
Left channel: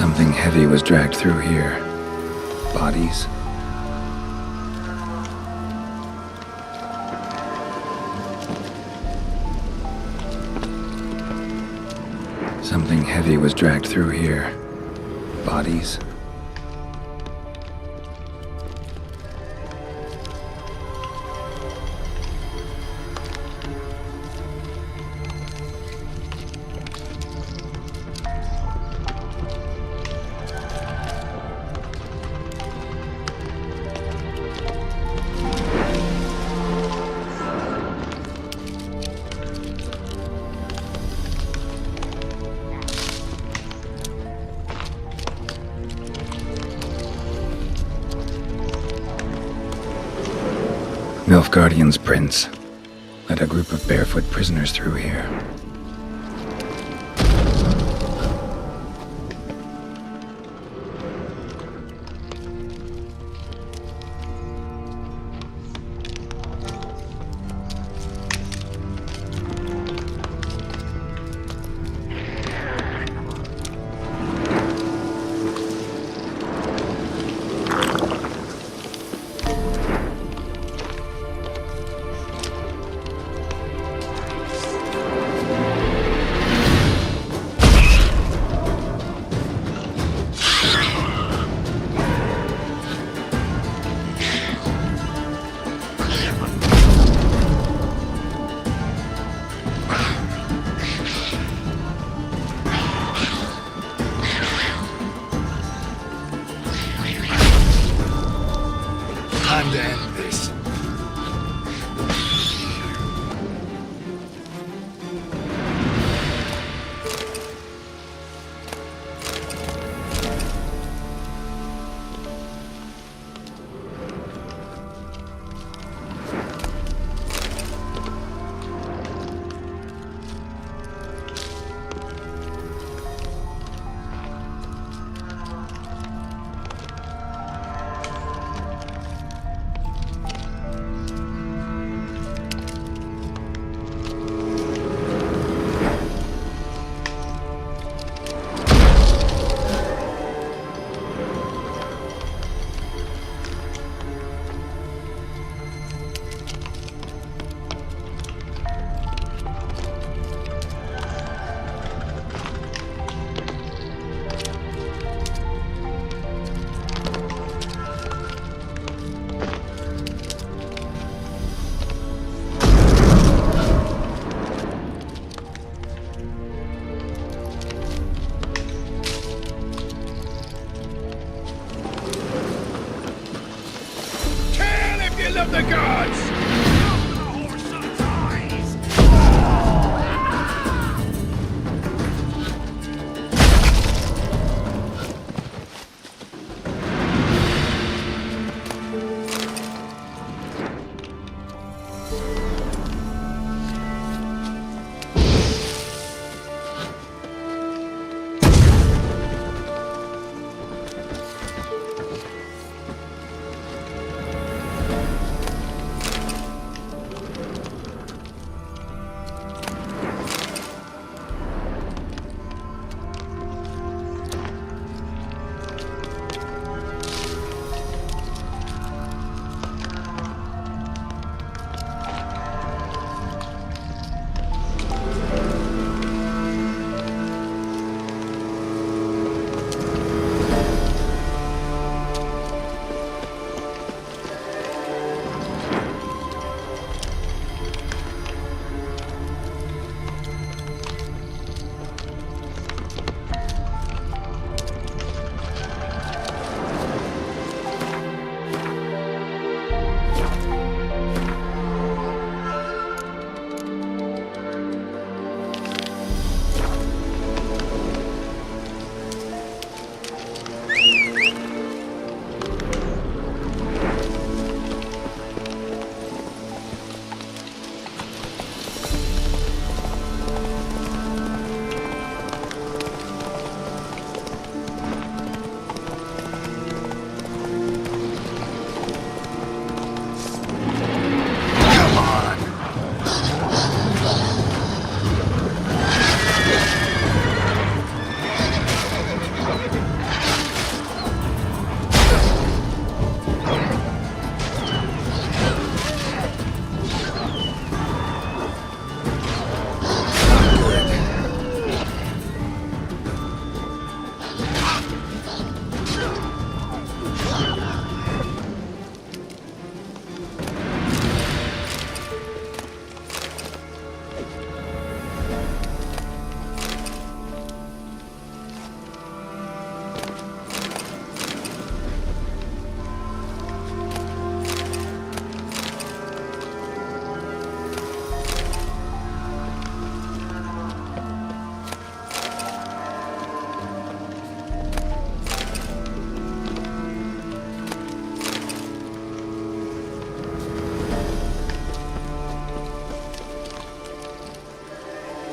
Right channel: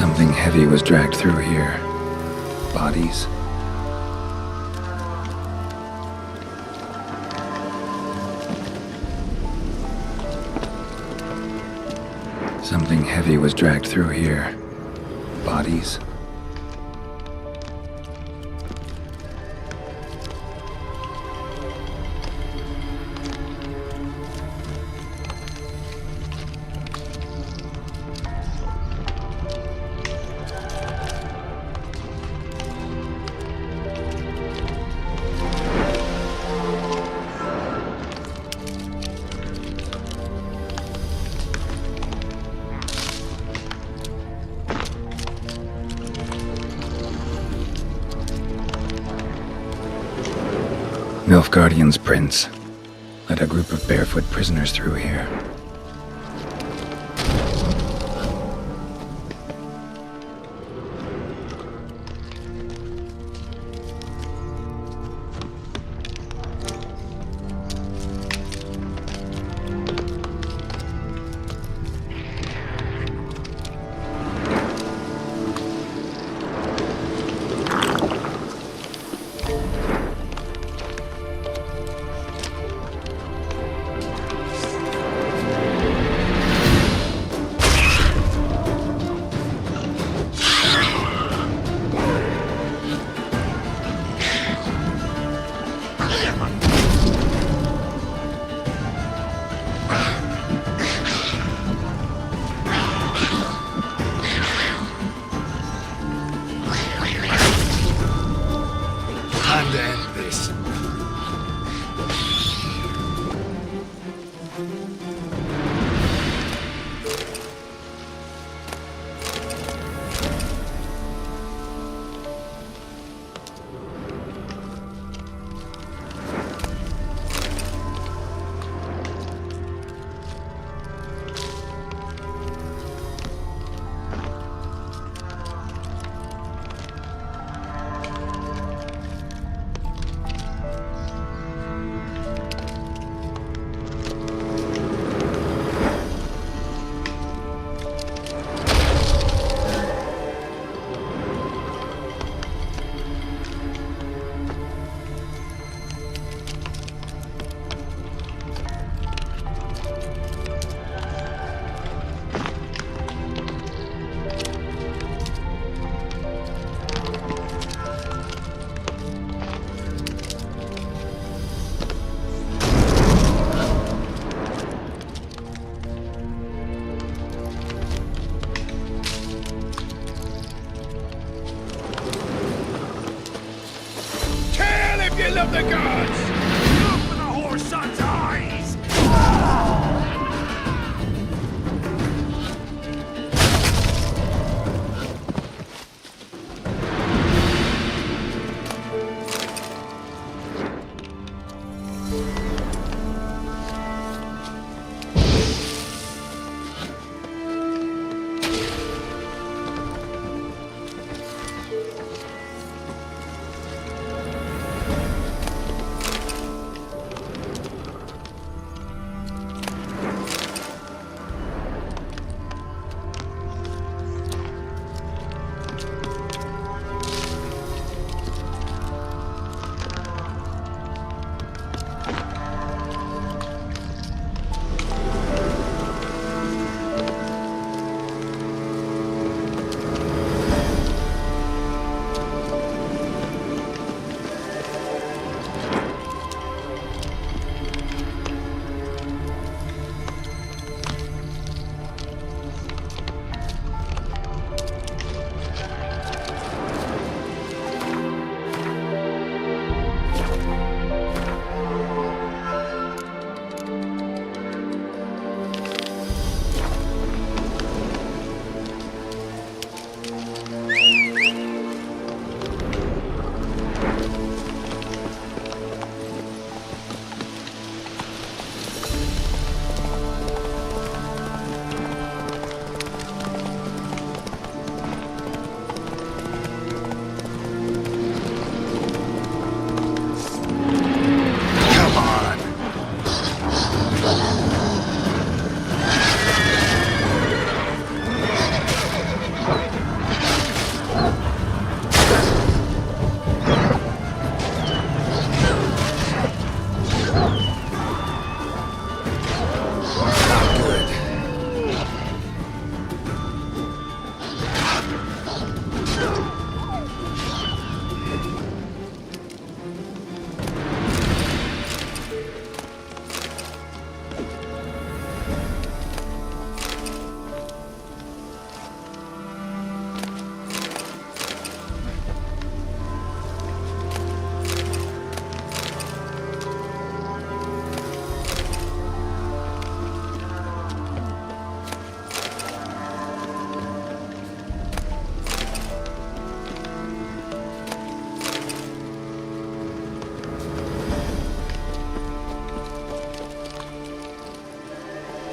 Something heavy was dragged through here. Bodies? Something heavy was dragged through here. Bodies? Nilfgaardian's prince led a group of barefoot prisoners through here. Time to end this. You love the gods! Go for the horse son's eyes!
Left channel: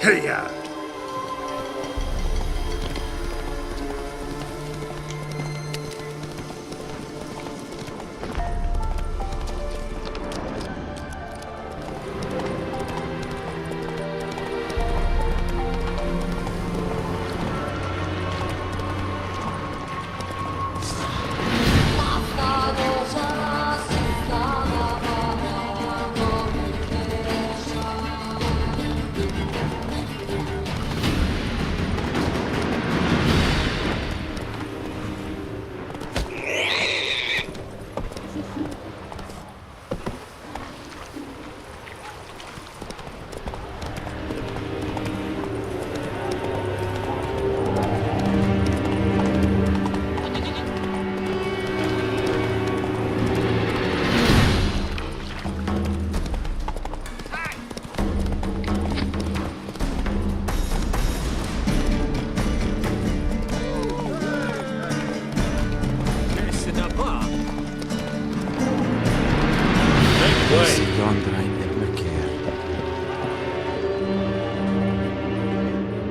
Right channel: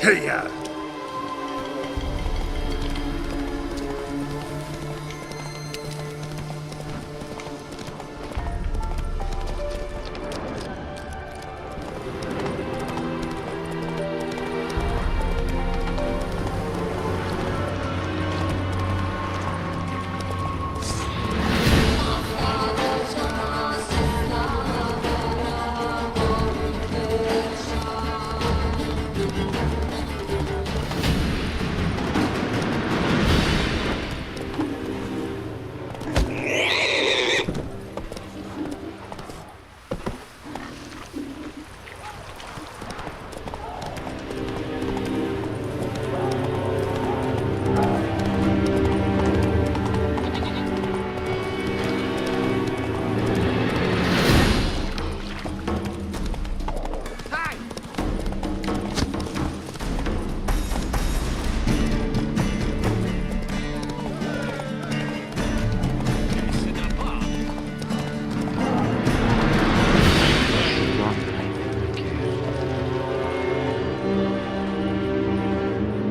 Hiya!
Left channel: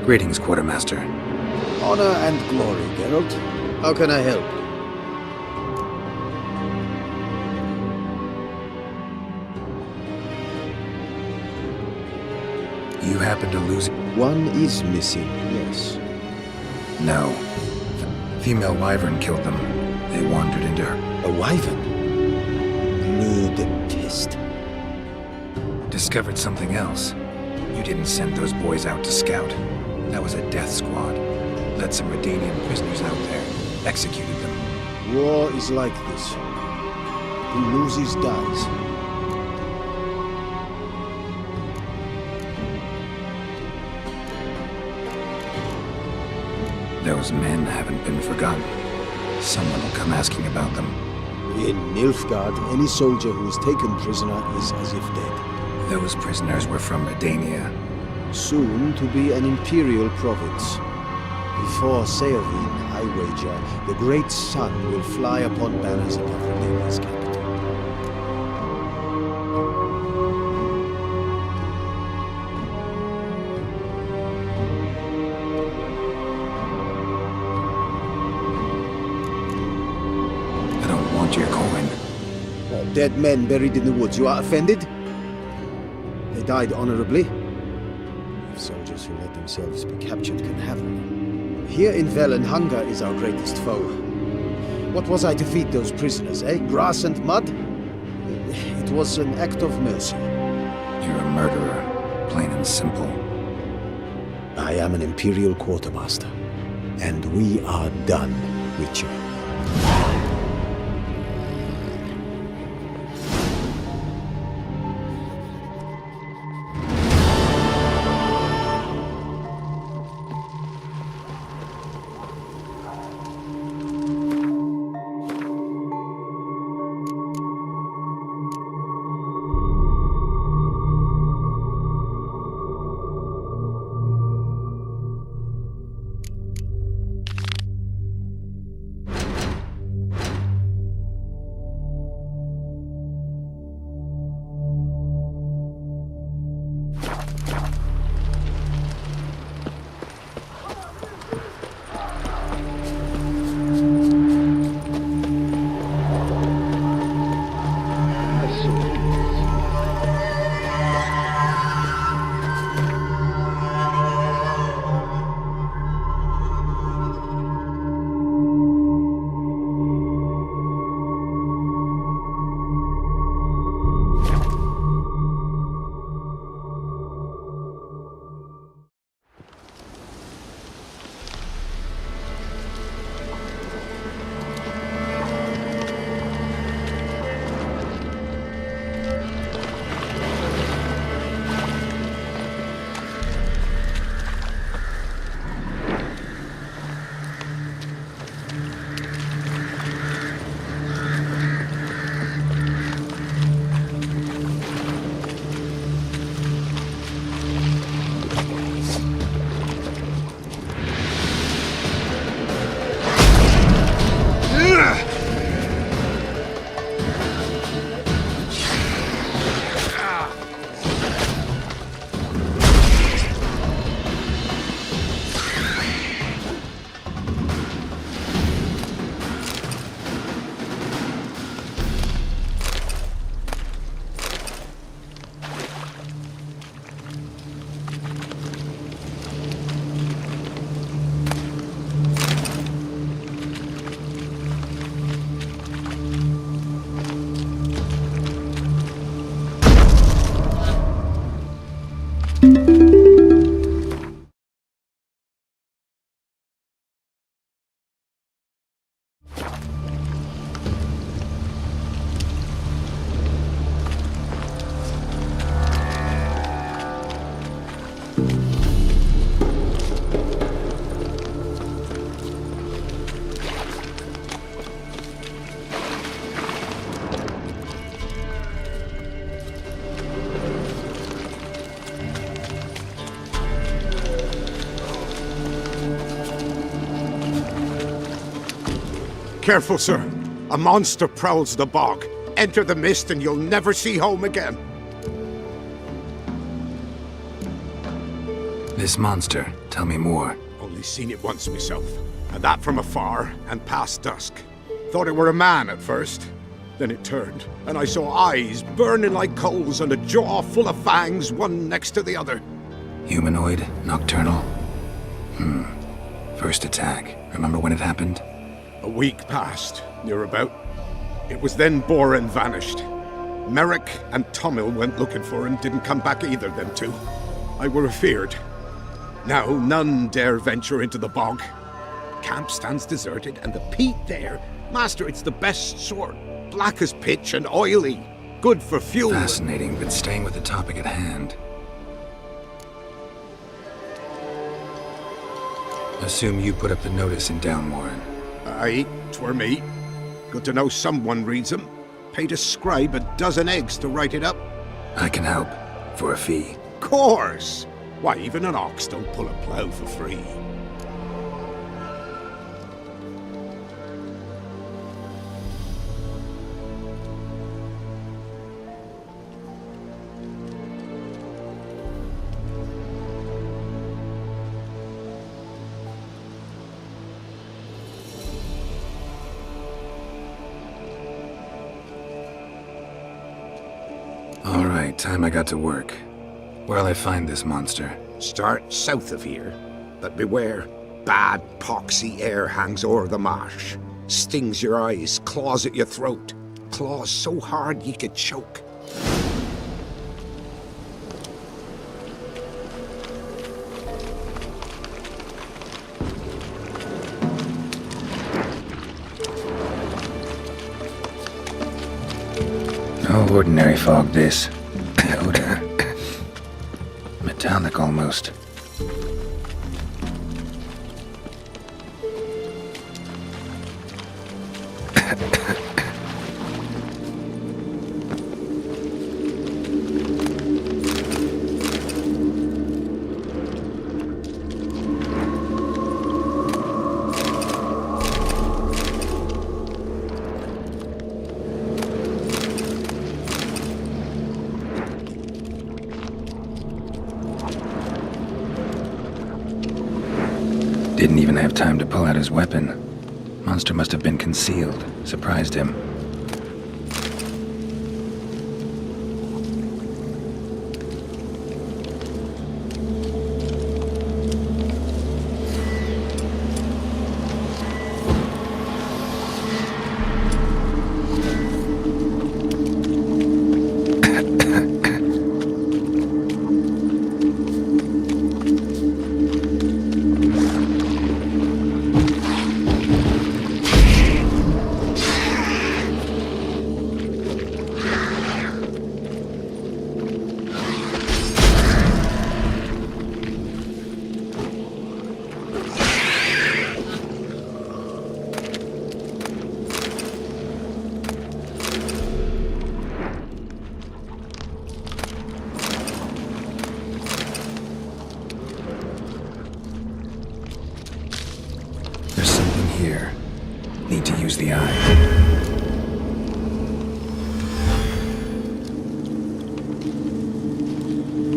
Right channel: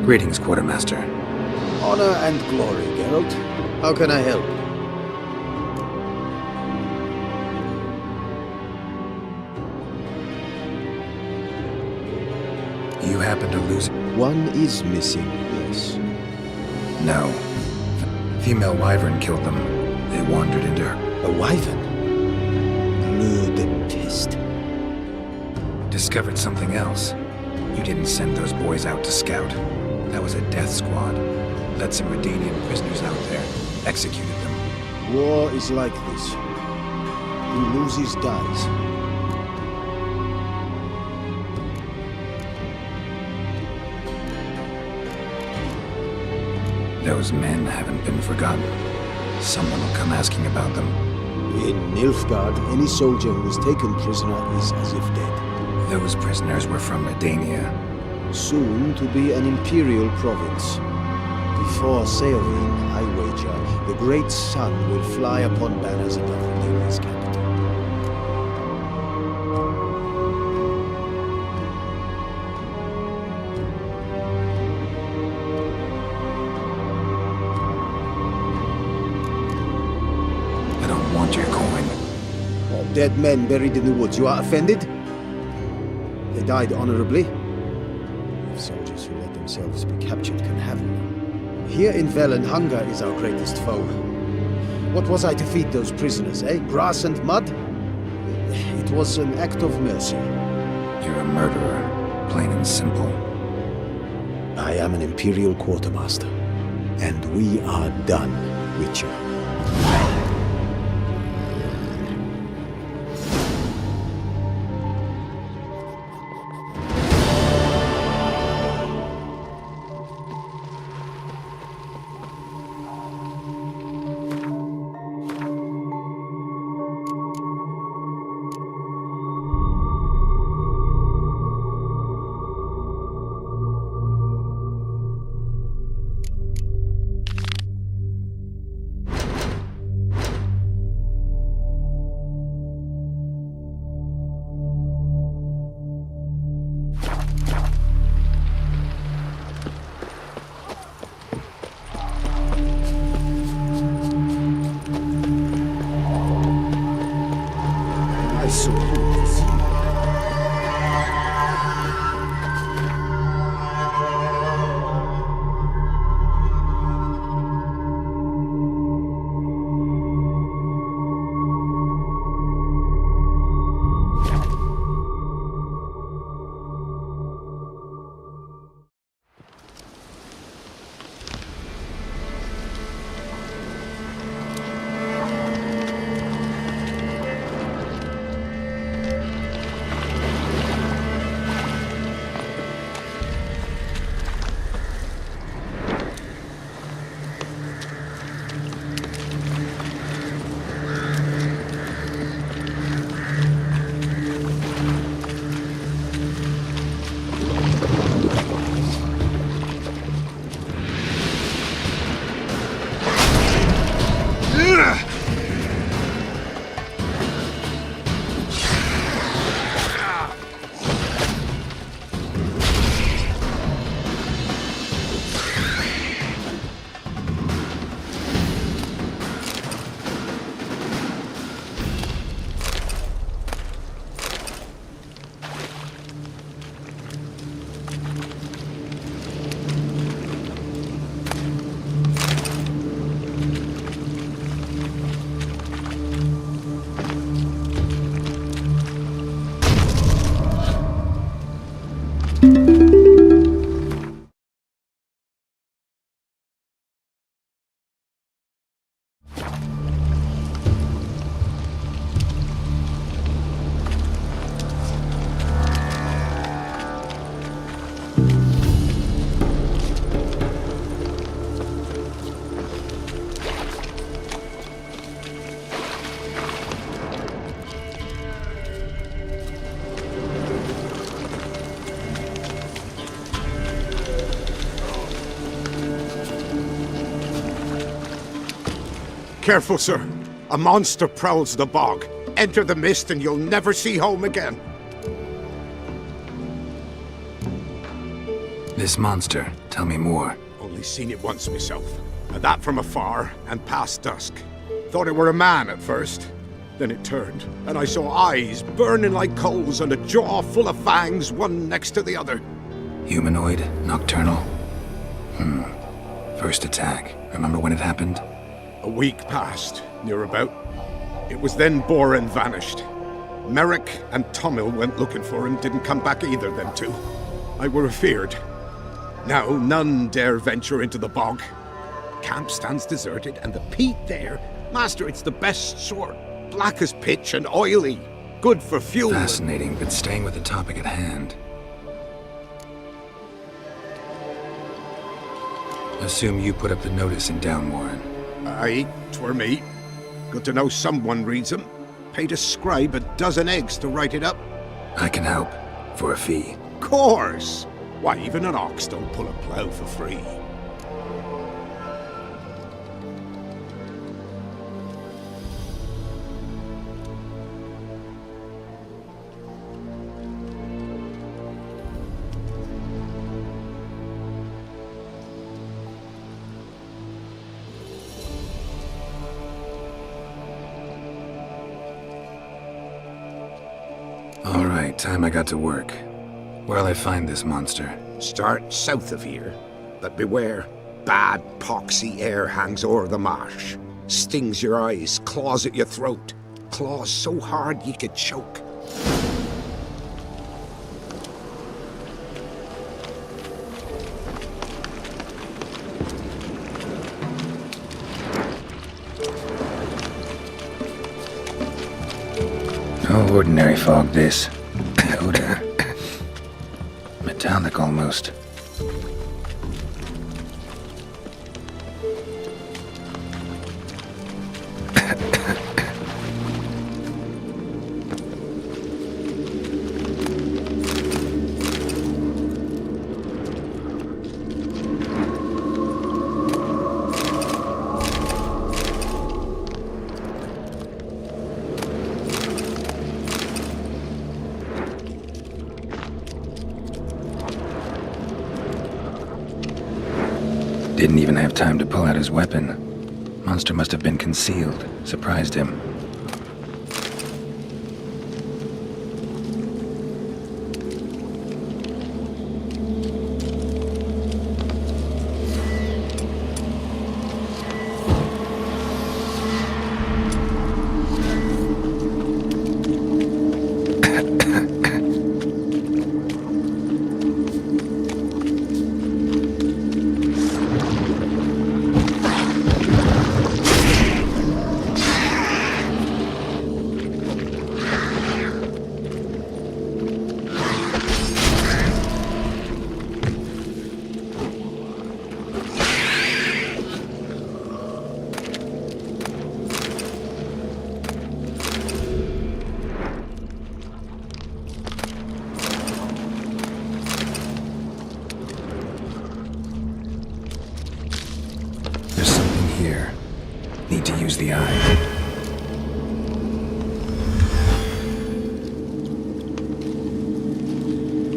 Greetings, Quartermaster. Honor and glory, Geralt. How can I help? You happen to lose... One is missing, yes. No. Female wyvern killed them. They wandered into her... A wyvern? Bleu de peste. Discovered something else. You didn't send those boys out to scout. That was a death squad. Led some Redanian prisoners out there. Executed them. War is like this. Who loses dies. Those men haven't been forgotten. Someone will come asking about them. In Nilfgaard, any soldier who is taken prisoner is as if dead. Those prisoners were from Redania. Soon to be an imperial province. Before Seovin, I wager, the great sun will fly upon banners above Redania's capital. I don't want your coin. All dead men buried in the woods. You are offended? They died honorably. If soldiers who let themselves be captured can have honor. Here in Velen, hunger is our greatest foe. What was I to feed those prisoners, eh? Grass and mud? It was an act of mercy. You're a murderer, plain and simple. I am an Imperial Quartermaster. And we are done, Witcher. Careful, sir. A monster prowls the bog. Enter the mist and you'll never see home again. This monster, tell me more. Only seen it once myself. And that from afar and past dusk. Thought it were a man at first. Then it turned, and I saw eyes burning like coals and a jaw full of fangs, one next to the other. Humanoid? Nocturnal? First attack. Remember when it happened? A week passed, near about. It was then Boren vanished. Merrick and Tomil went looking for him, didn't come back either, them two. I were afeard. Now none dare venture into the bog. Camp stands deserted, and the peat there, master, it's the best sort. Black as pitch and oily. Good for fuel. Fascinating, but staying with the topic at hand. Assume you put up the notice in Downwarren. Aye, 'twere me. Good to know someone reads 'em. Paid a scribe a dozen eggs to write it up. I can help. For a fee. Course! Why, even an ox don't pull a plough for free. Alright, time I got to work. Where'll I find this monster? Start south of here. But beware, bad poxy air hangs o'er the marsh. Stings your eyes, claws at your throat. Claws so hard ye could choke. No ordinary fog, this. Odor. Metallic, almost. Didn't even have time to pull out his weapon. Monster must have been concealed. Surprised him. There's something here. Need to use the eye.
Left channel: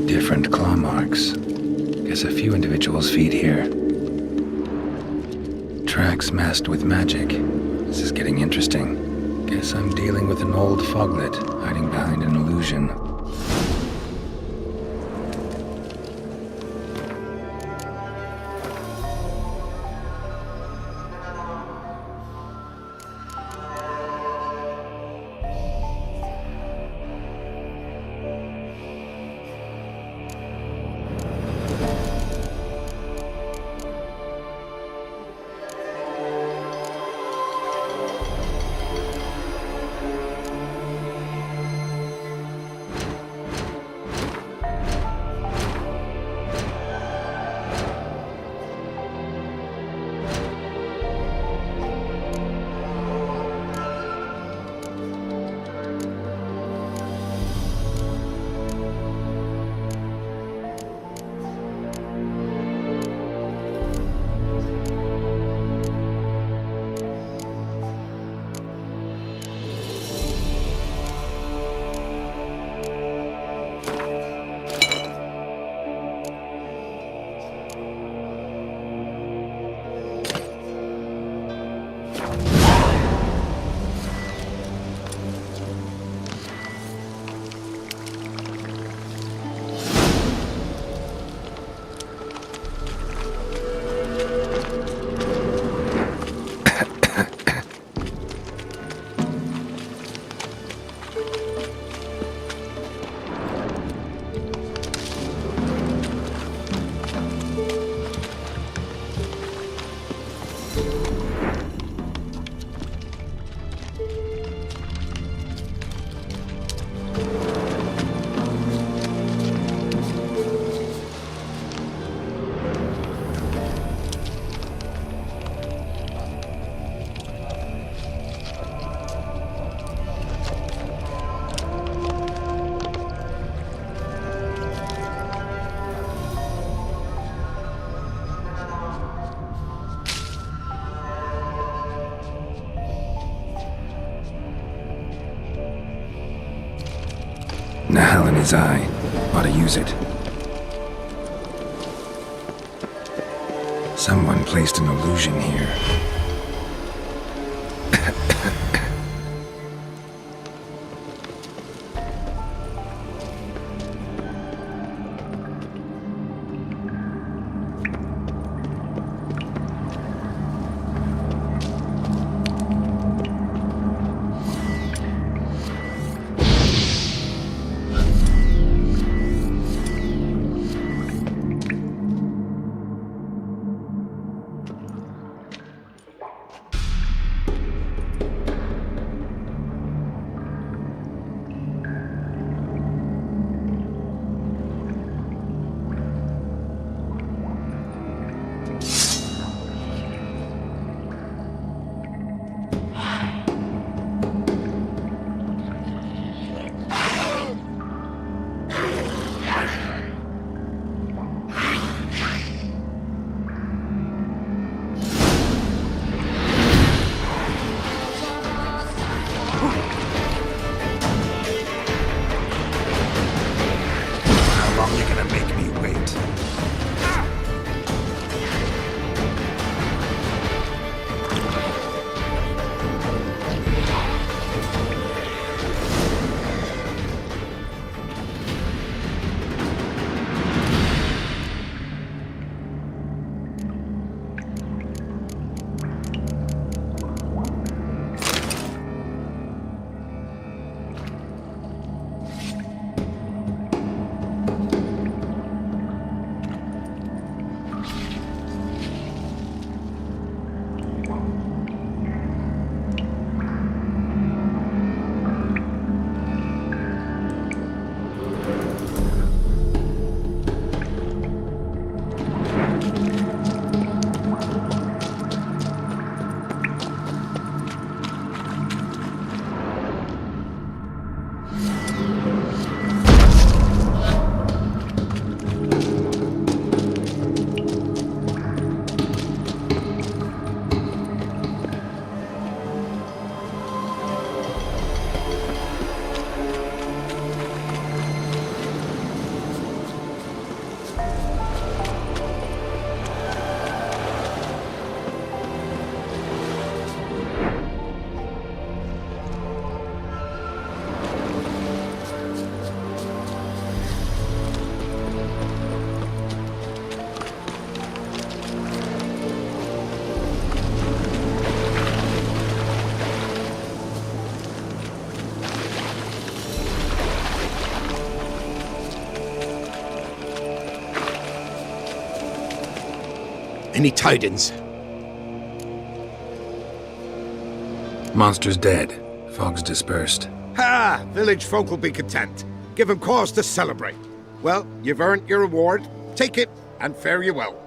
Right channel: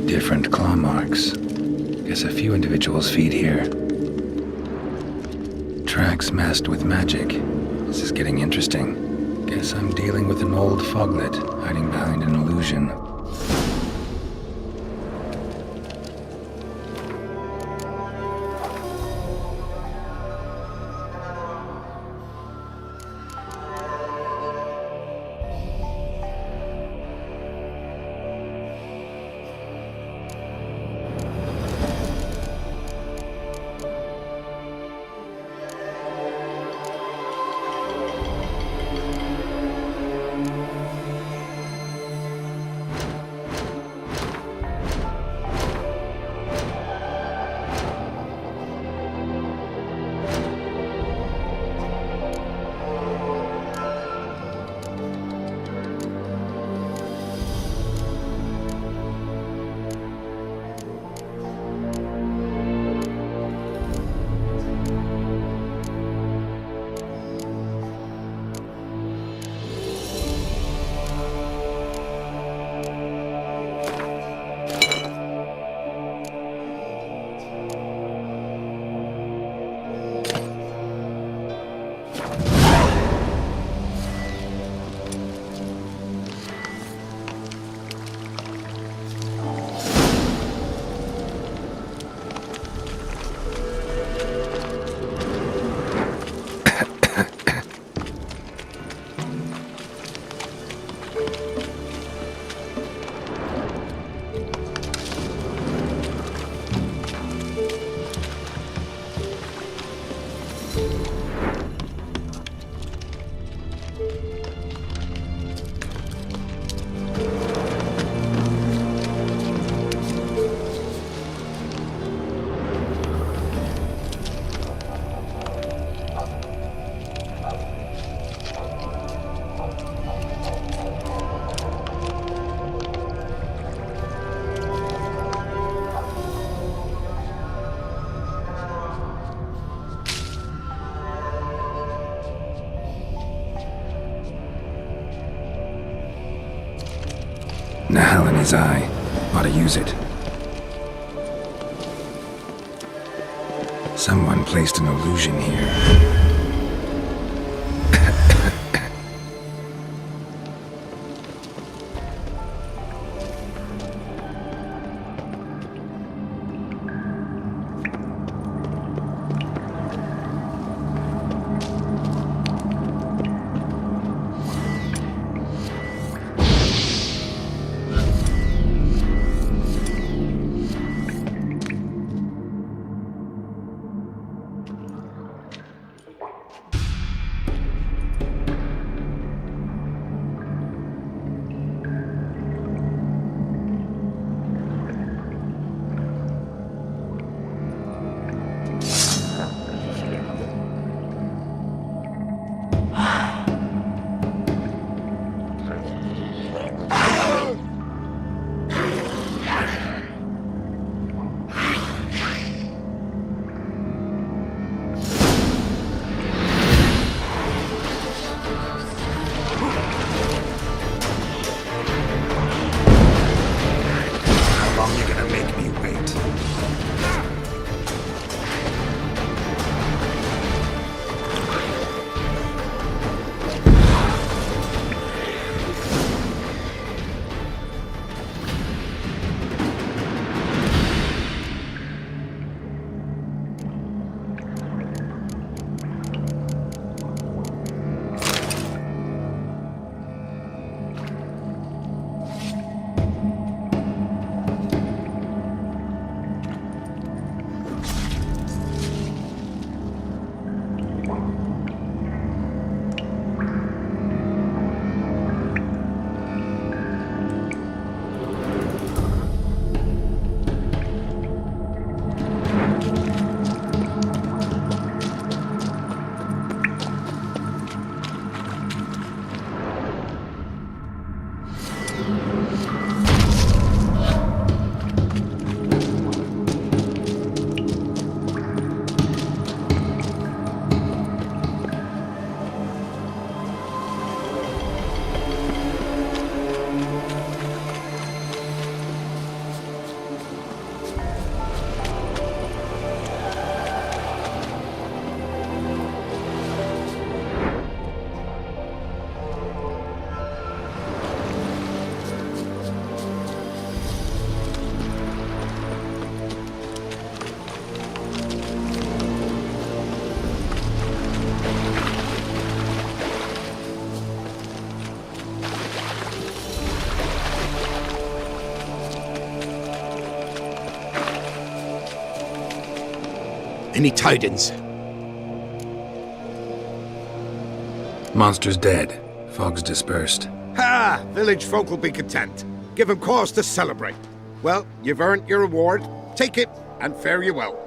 Different claw marks. Guess a few individuals feed here. Tracks masked with magic. This is getting interesting. Guess I'm dealing with an old foglet, hiding behind an illusion. Nahalani's eye. Ought to use it. Someone placed an illusion here. How long you gonna make me wait? Any tidings? Monster's dead. Fog's dispersed. Ha! Village folk will be content. Give 'em cause to celebrate. Well, you've earned your reward. Take it, and fare you well.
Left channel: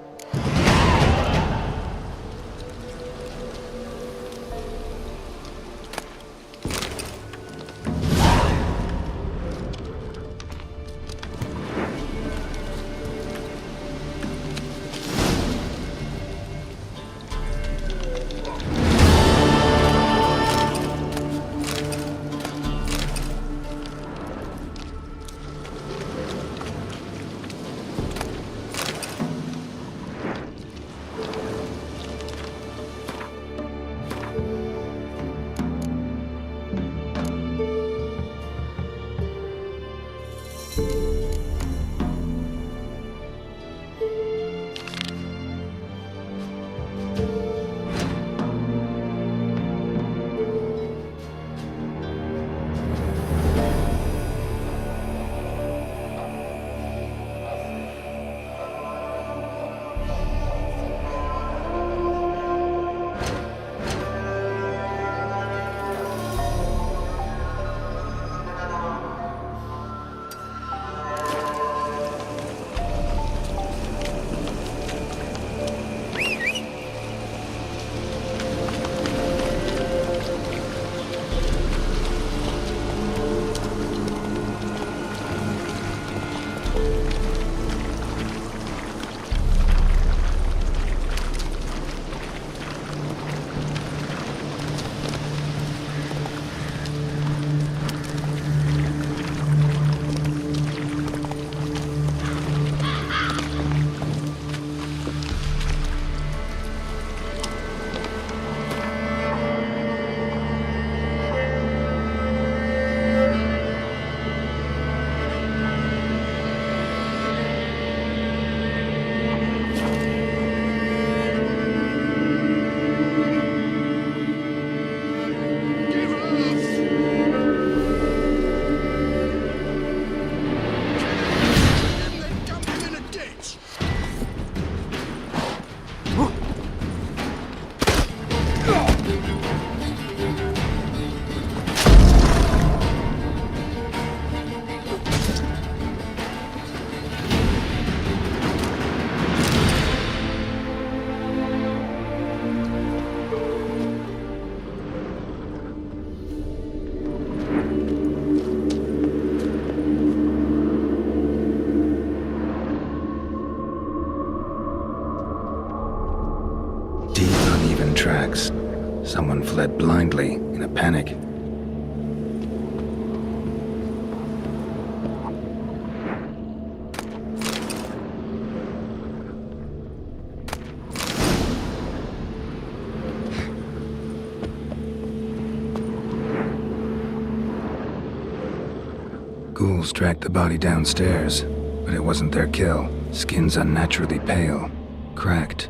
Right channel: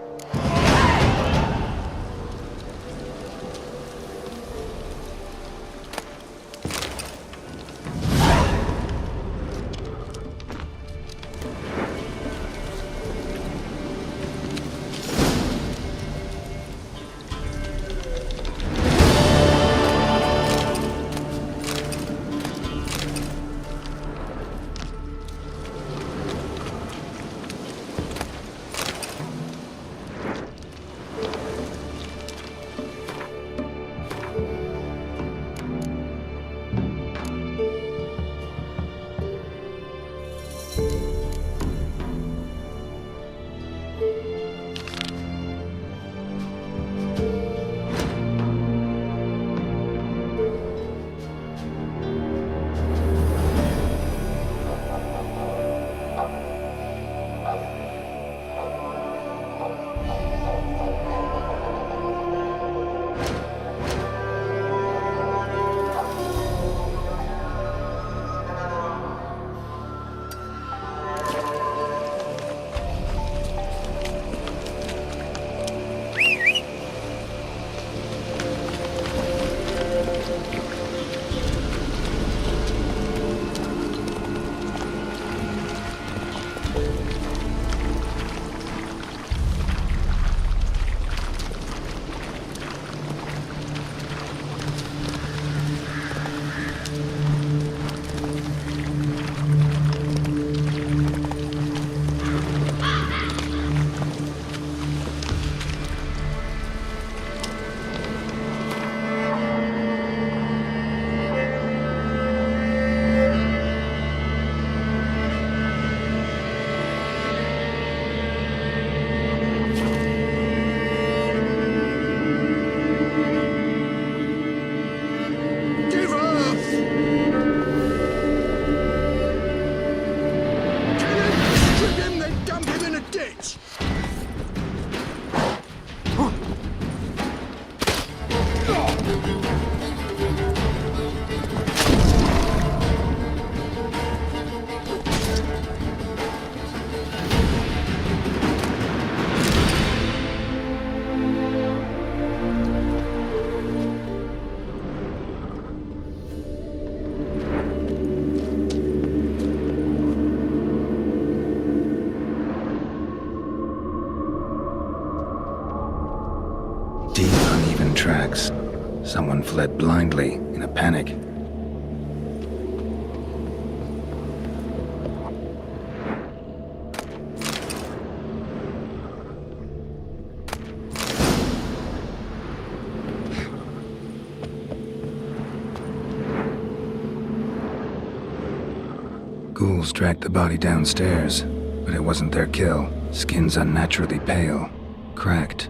Deep, uneven tracks. Someone fled blindly in a panic. Ghouls dragged the body downstairs, but it wasn't their kill. Skin's unnaturally pale, cracked.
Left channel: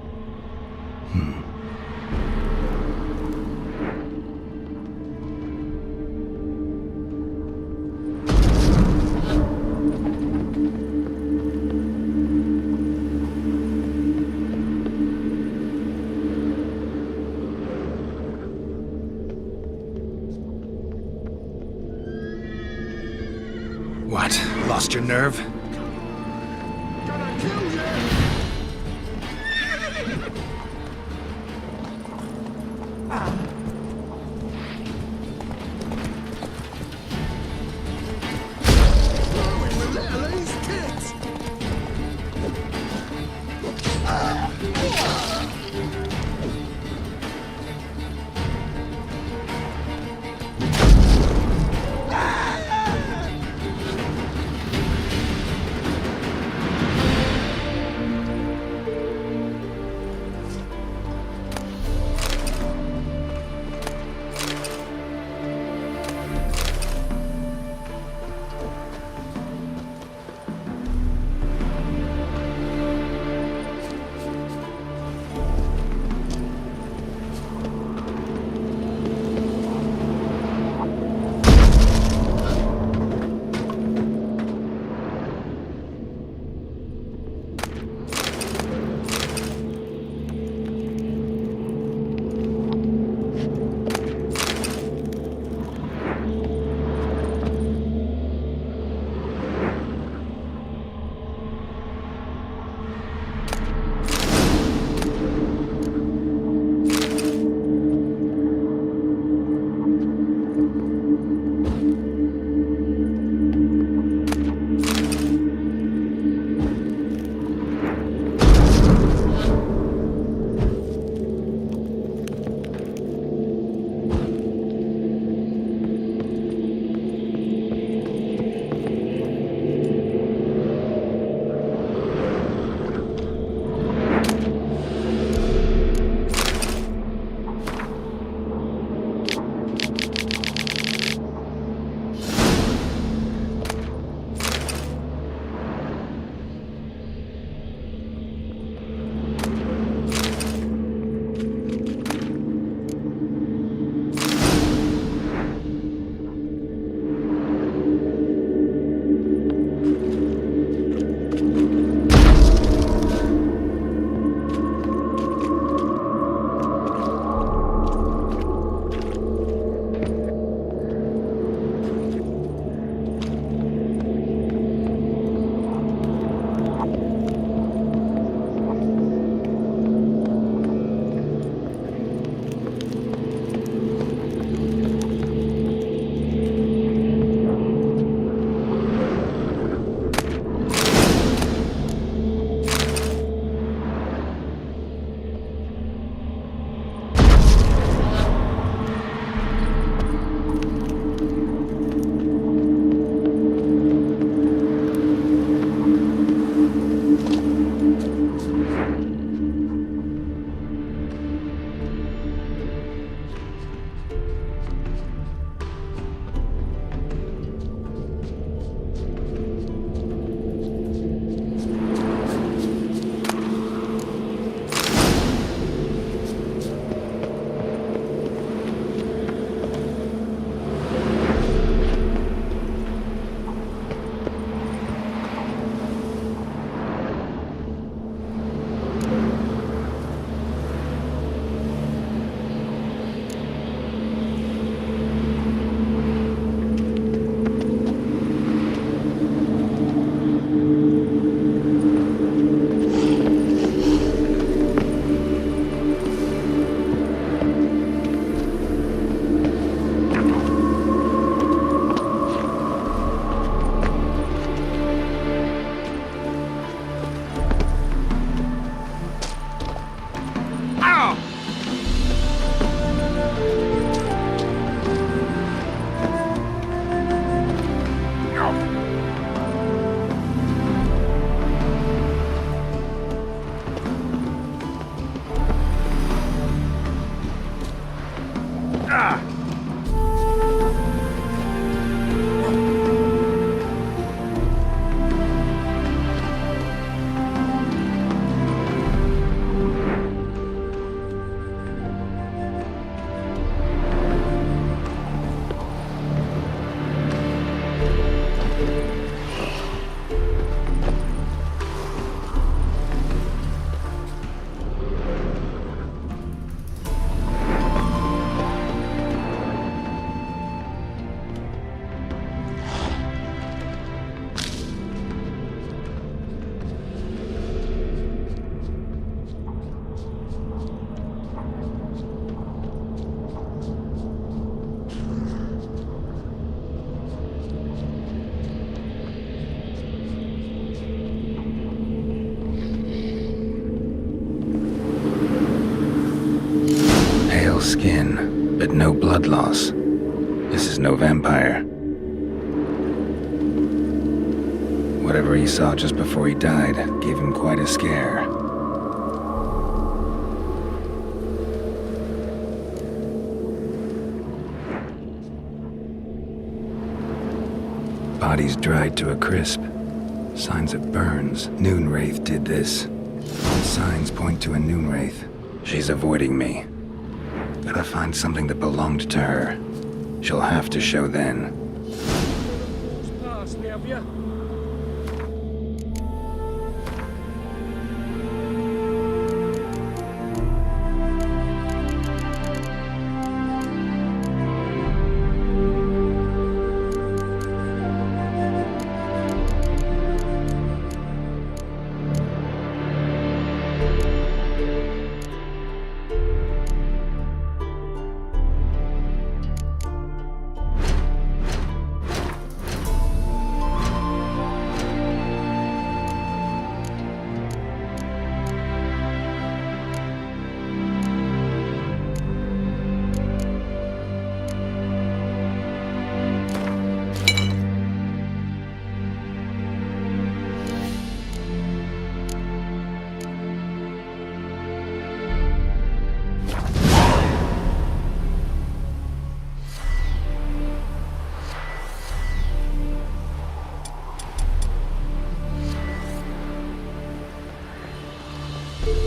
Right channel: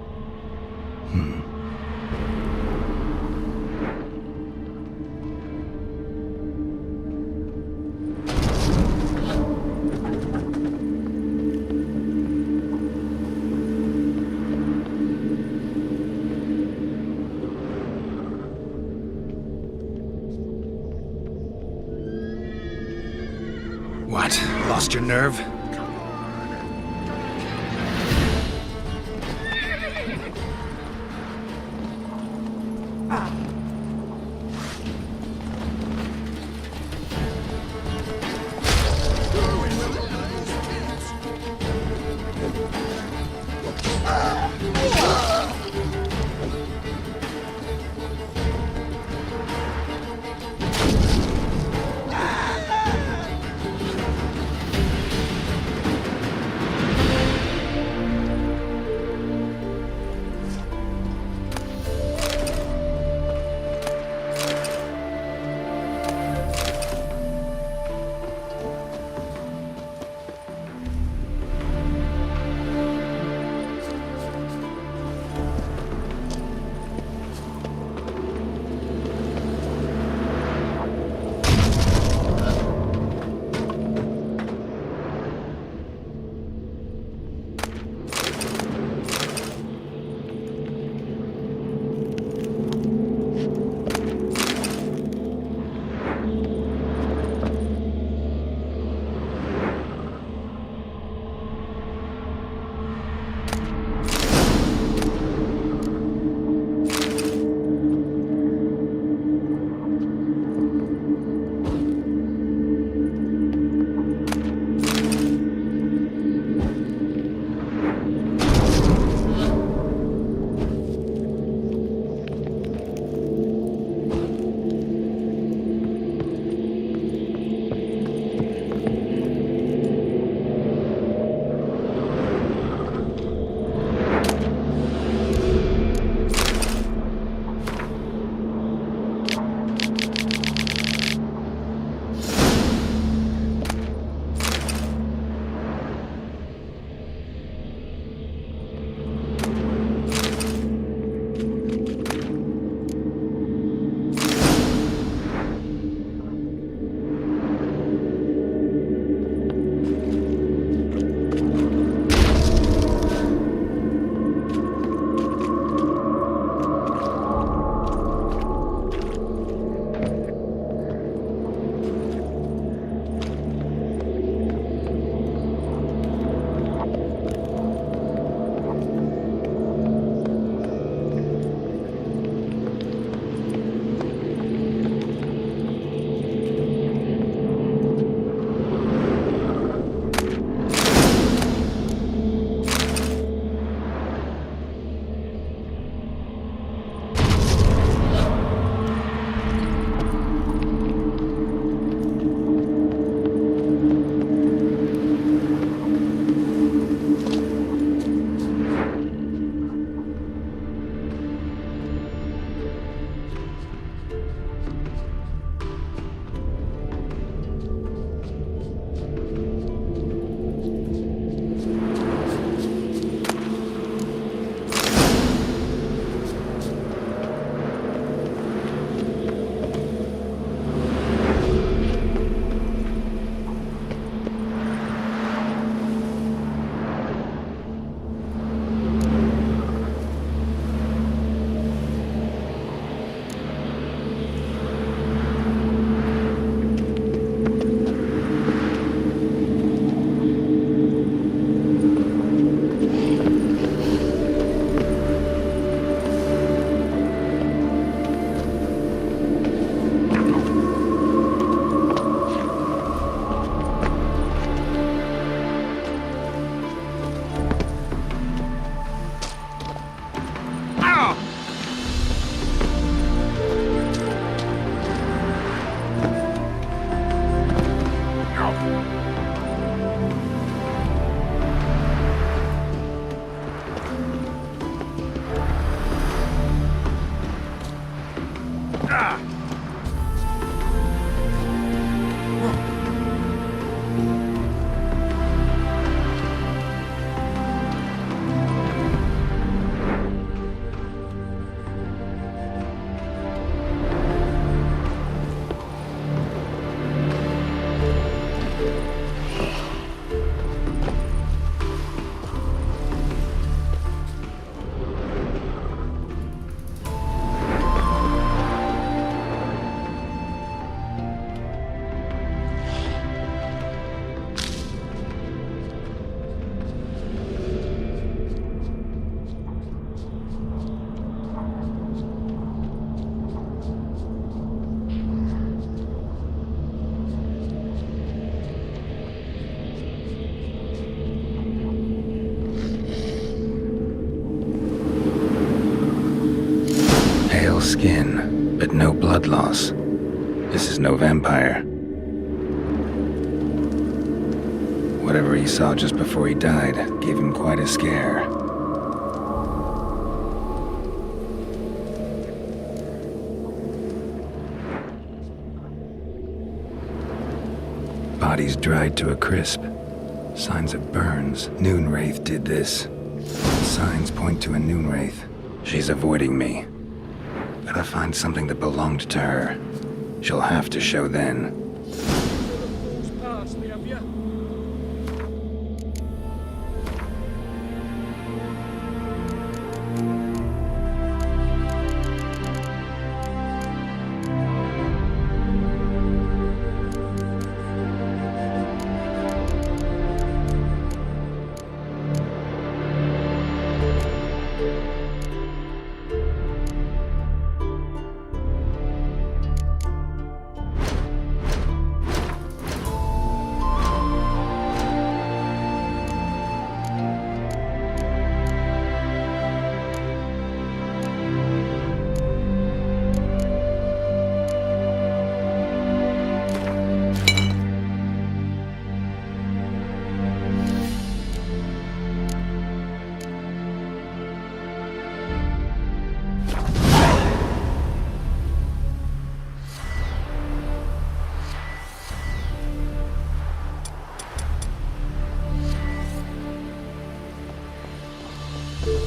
What? Lost your nerve? Gonna kill you! Throwing the little ace kicks! skin, but no blood loss. This is no vampire. Whatever he saw just before he died gave him quite a scare. Bodies dried to a crisp. Signs of burns. Noonwraith did this. All signs point to a Noonwraith. She's avoiding me. Gotta find something that belonged to her. She'll have to show then. You fill a fool's parsley, have you?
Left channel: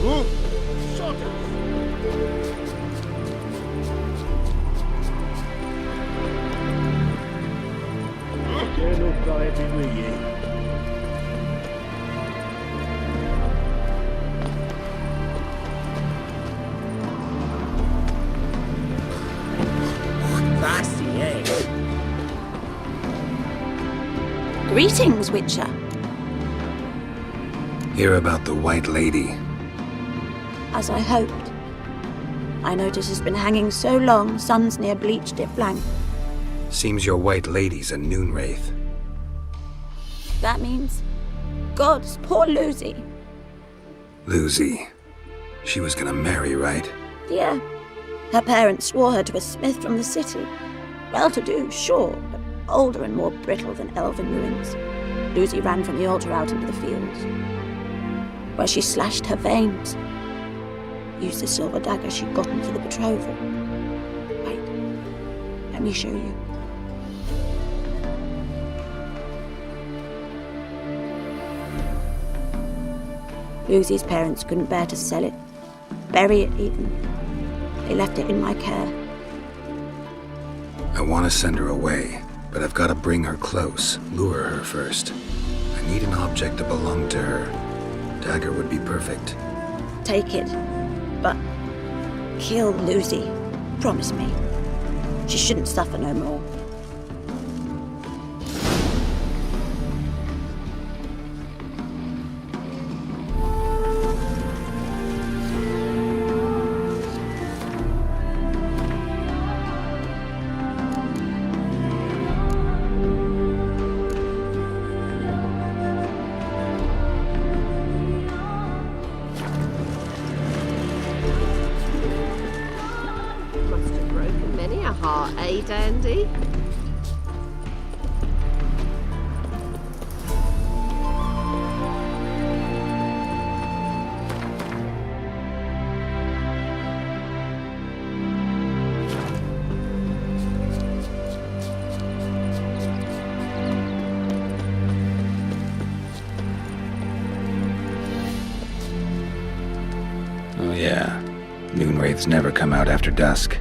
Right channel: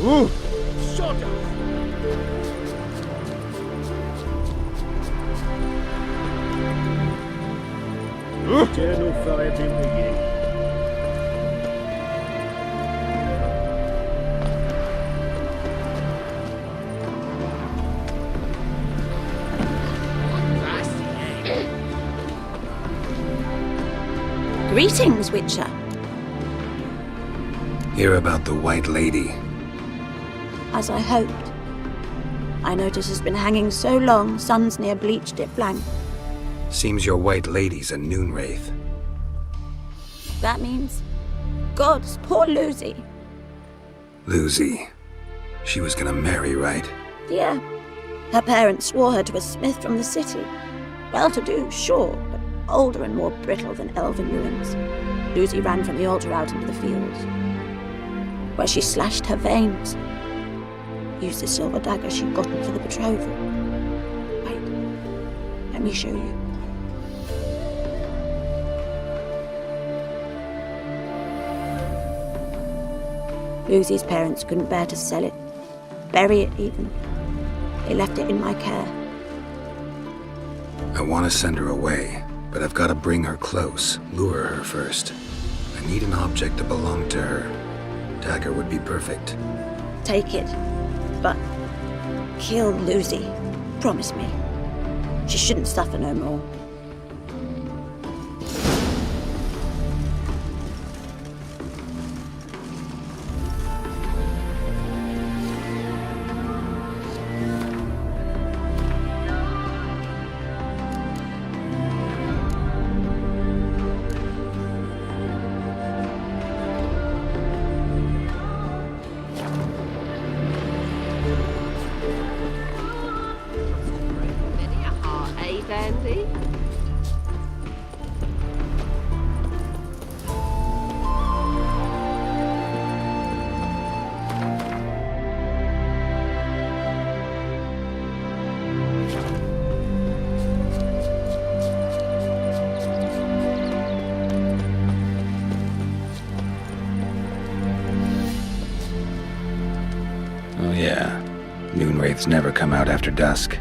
Ooh! Sod off! Turn off for every with you. Feisty, eh? Greetings, Witcher. Hear about the White Lady. As I hoped. I notice it's been hanging so long, sun's near bleached it blank. Seems your White Lady's a Noonwraith. That means... Gods, poor Lucy. Lucy. She was gonna marry, right? Yeah. Her parents swore her to a smith from the city. Well-to-do, sure, but older and more brittle than elven ruins. Lucy ran from the altar out into the fields, where she slashed her veins. Used the silver dagger she'd gotten for the betrothal. Wait, let me show you. Lucy's parents couldn't bear to sell it, bury it even. They left it in my care. I want to send her away, but I've got to bring her close, lure her first. I need an object that belonged to her. Dagger would be perfect. Take it, but kill Lucy. Promise me. She shouldn't suffer no more. Must have broken many a heart, eh, Dandy? Oh yeah. Noonwraiths never come out after dusk.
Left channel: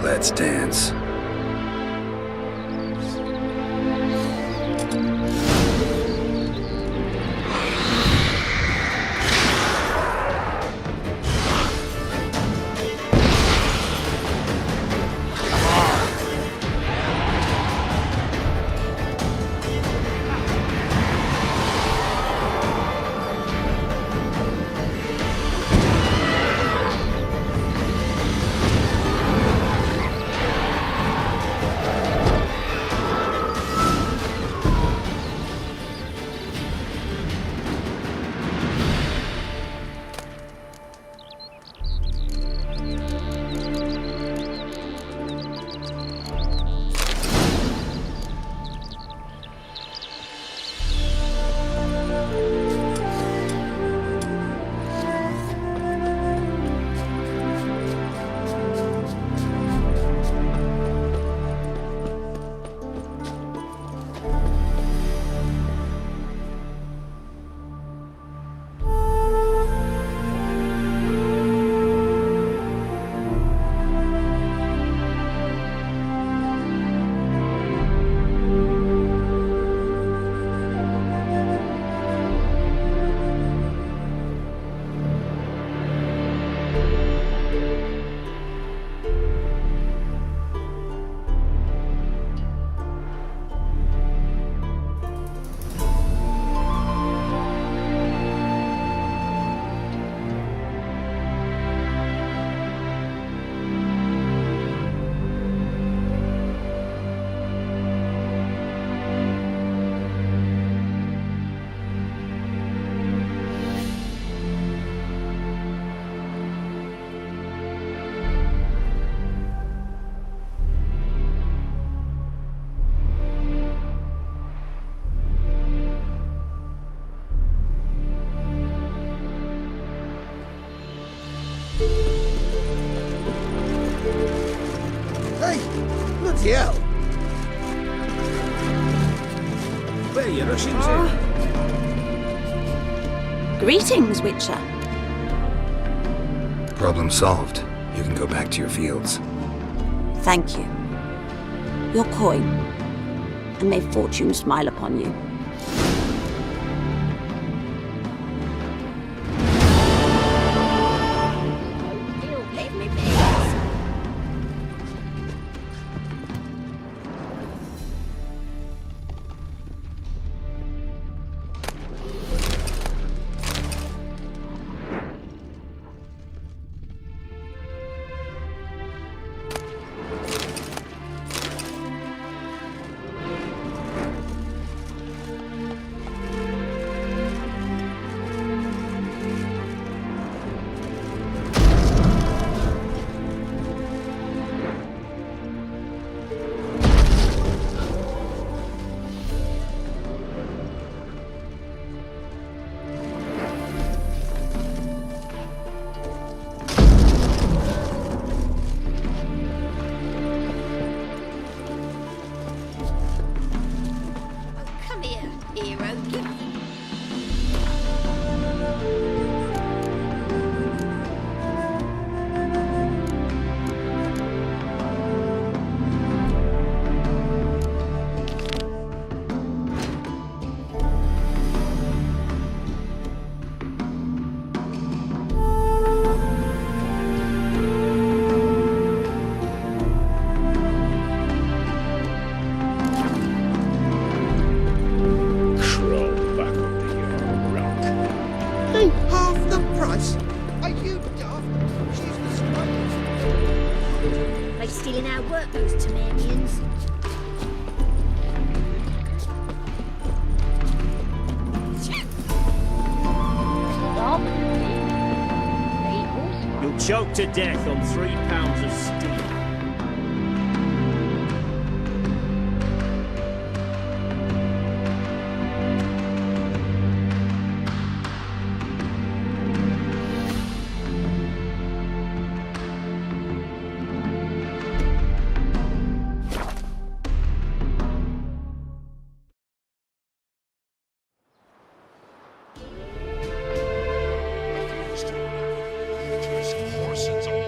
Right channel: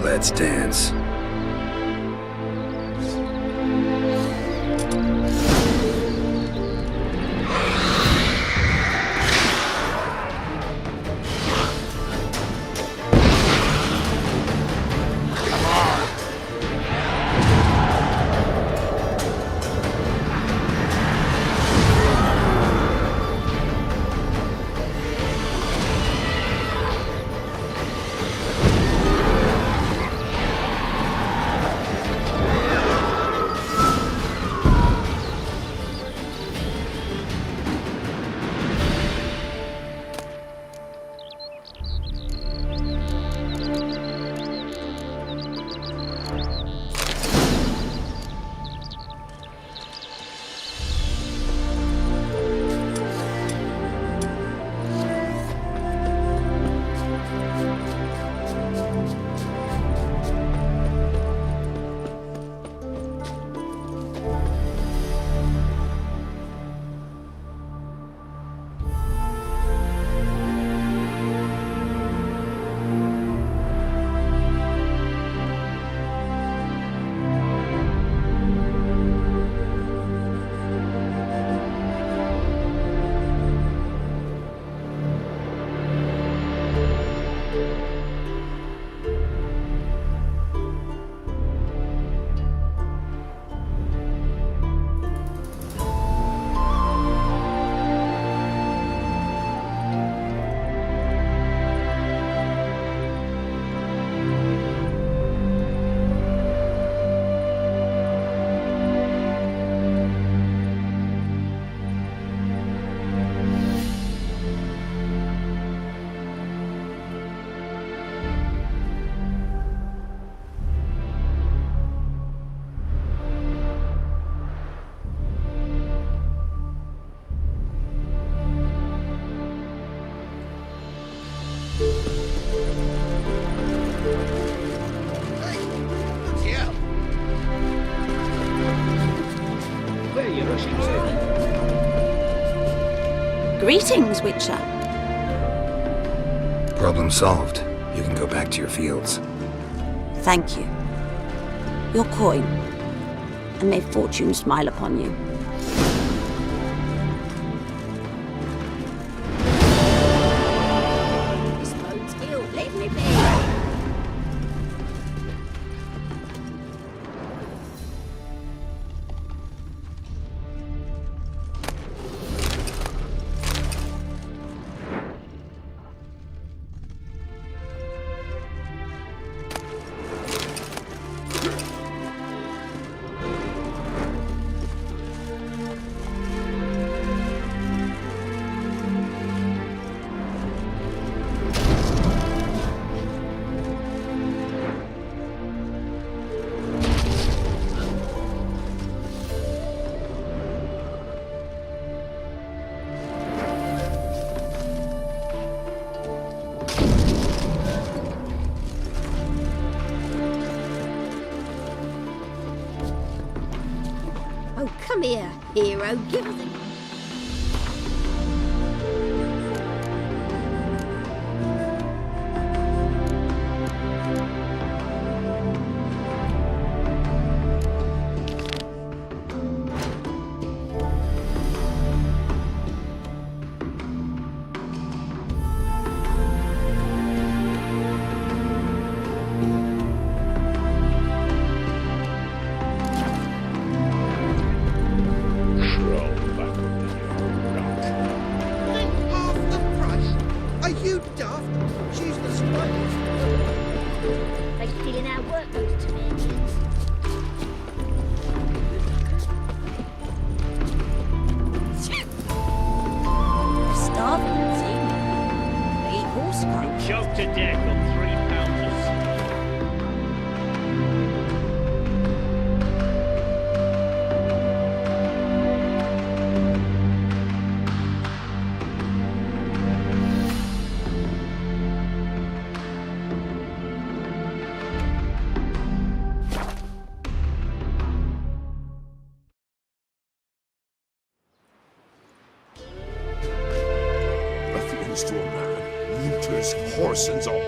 Let's dance. Bloody hell! Where are you rushing to? Greetings, Witcher. Problem solved. You can go back to your fields. Thank you. Your coin. And may fortune smile upon you. Leave me be. Oh, come here, hero. Give us a... Half the price? Are you daft? She's the sprightliest. They stealing our workbooks to me, Indians. Stop. You'll choke to death on 3 pounds of steel. Ruffians to a man, looters, horsens all.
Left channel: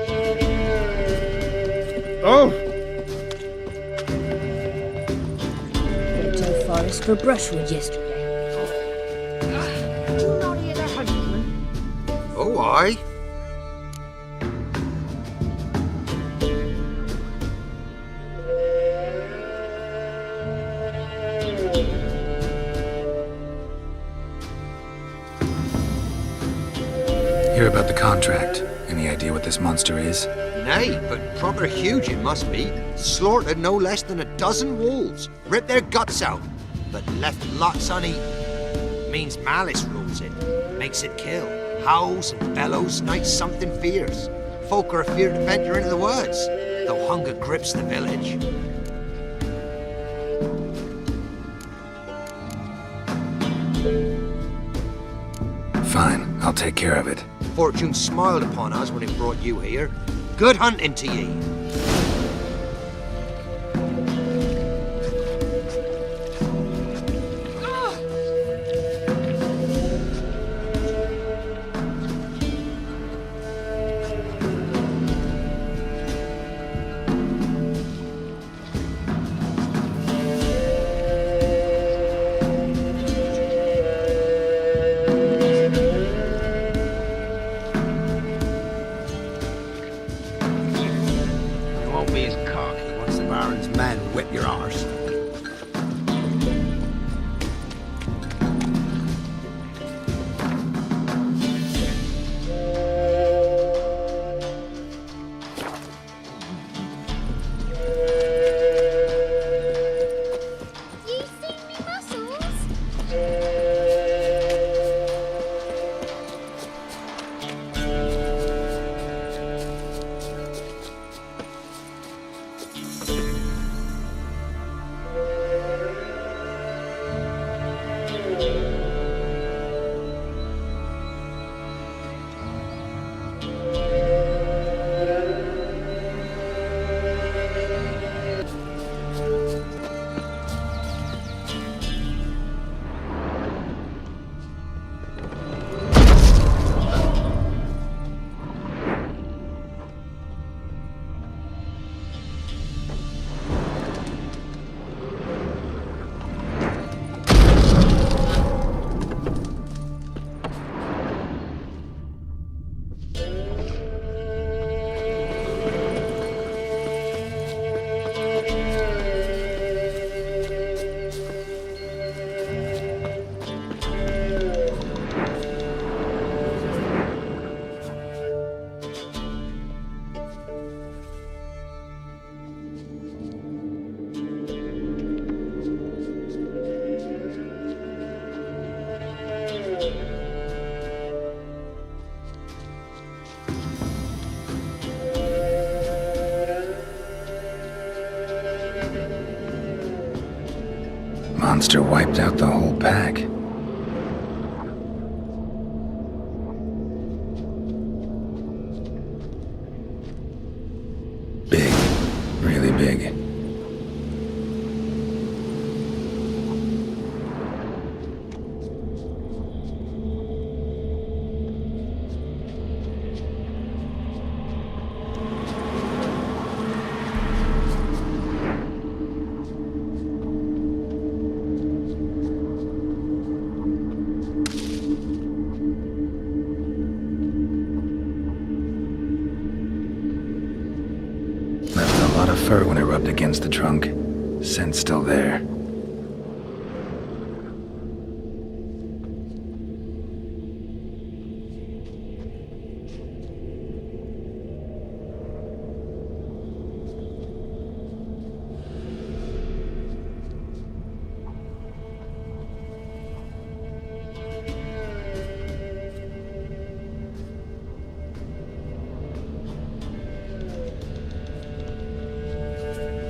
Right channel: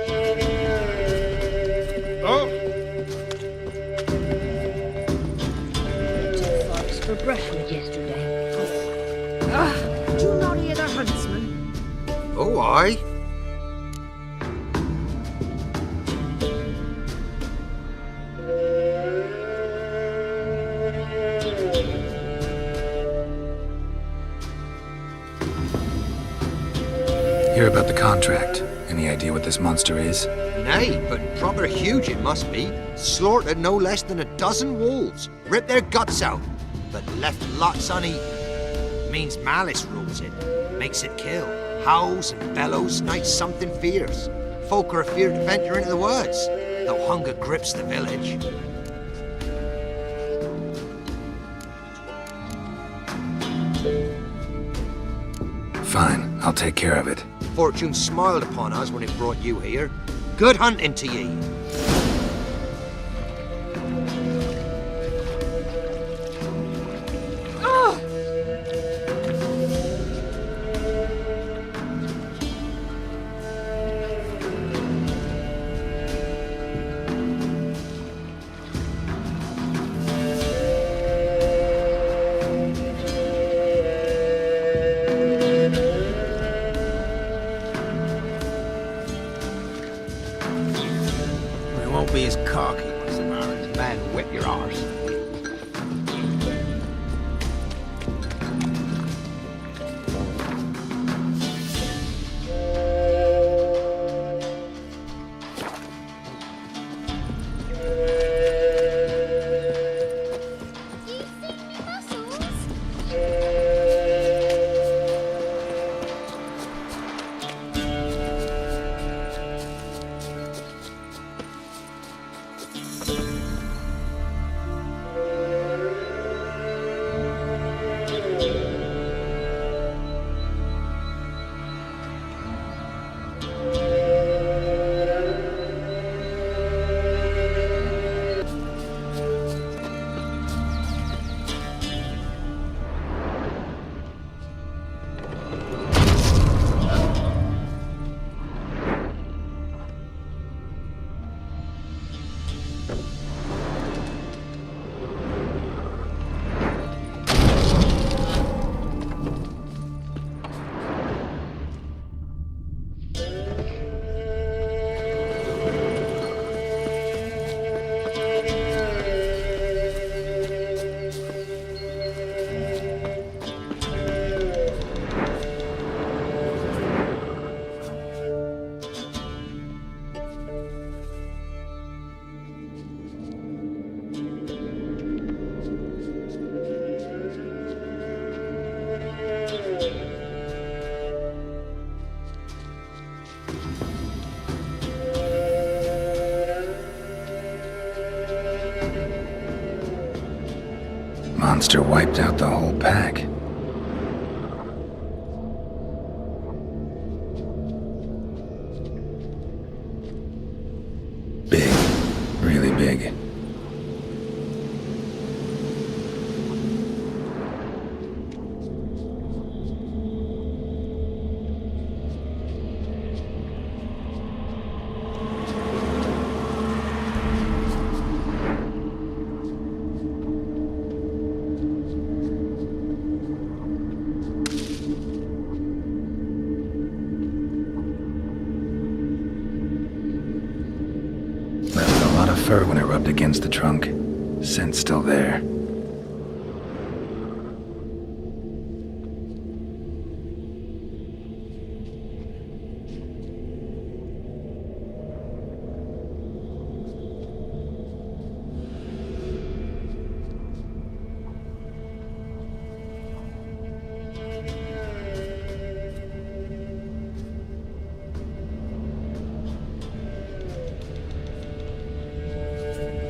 Oh! Went to the forest for brushwood yesterday. Do you not hear the huntsman? Oh, aye. Hear about the contract. Any idea what this monster is? Nay, but proper huge it must be. Slaughtered no less than 12 wolves. Ripped their guts out, but left lots uneaten. Means malice rules it. Makes it kill. Howls and bellows, nights something fierce. Folk are afeard to venture into the woods, though hunger grips the village. Fine, I'll take care of it. Fortune smiled upon us when it brought you here. Good hunting to ye. Once the Baron's men whip your arse. You see me muscles? monster wiped out the whole pack. Big. Really big. Left a lot of fur when it rubbed against the trunk. Scent's still there.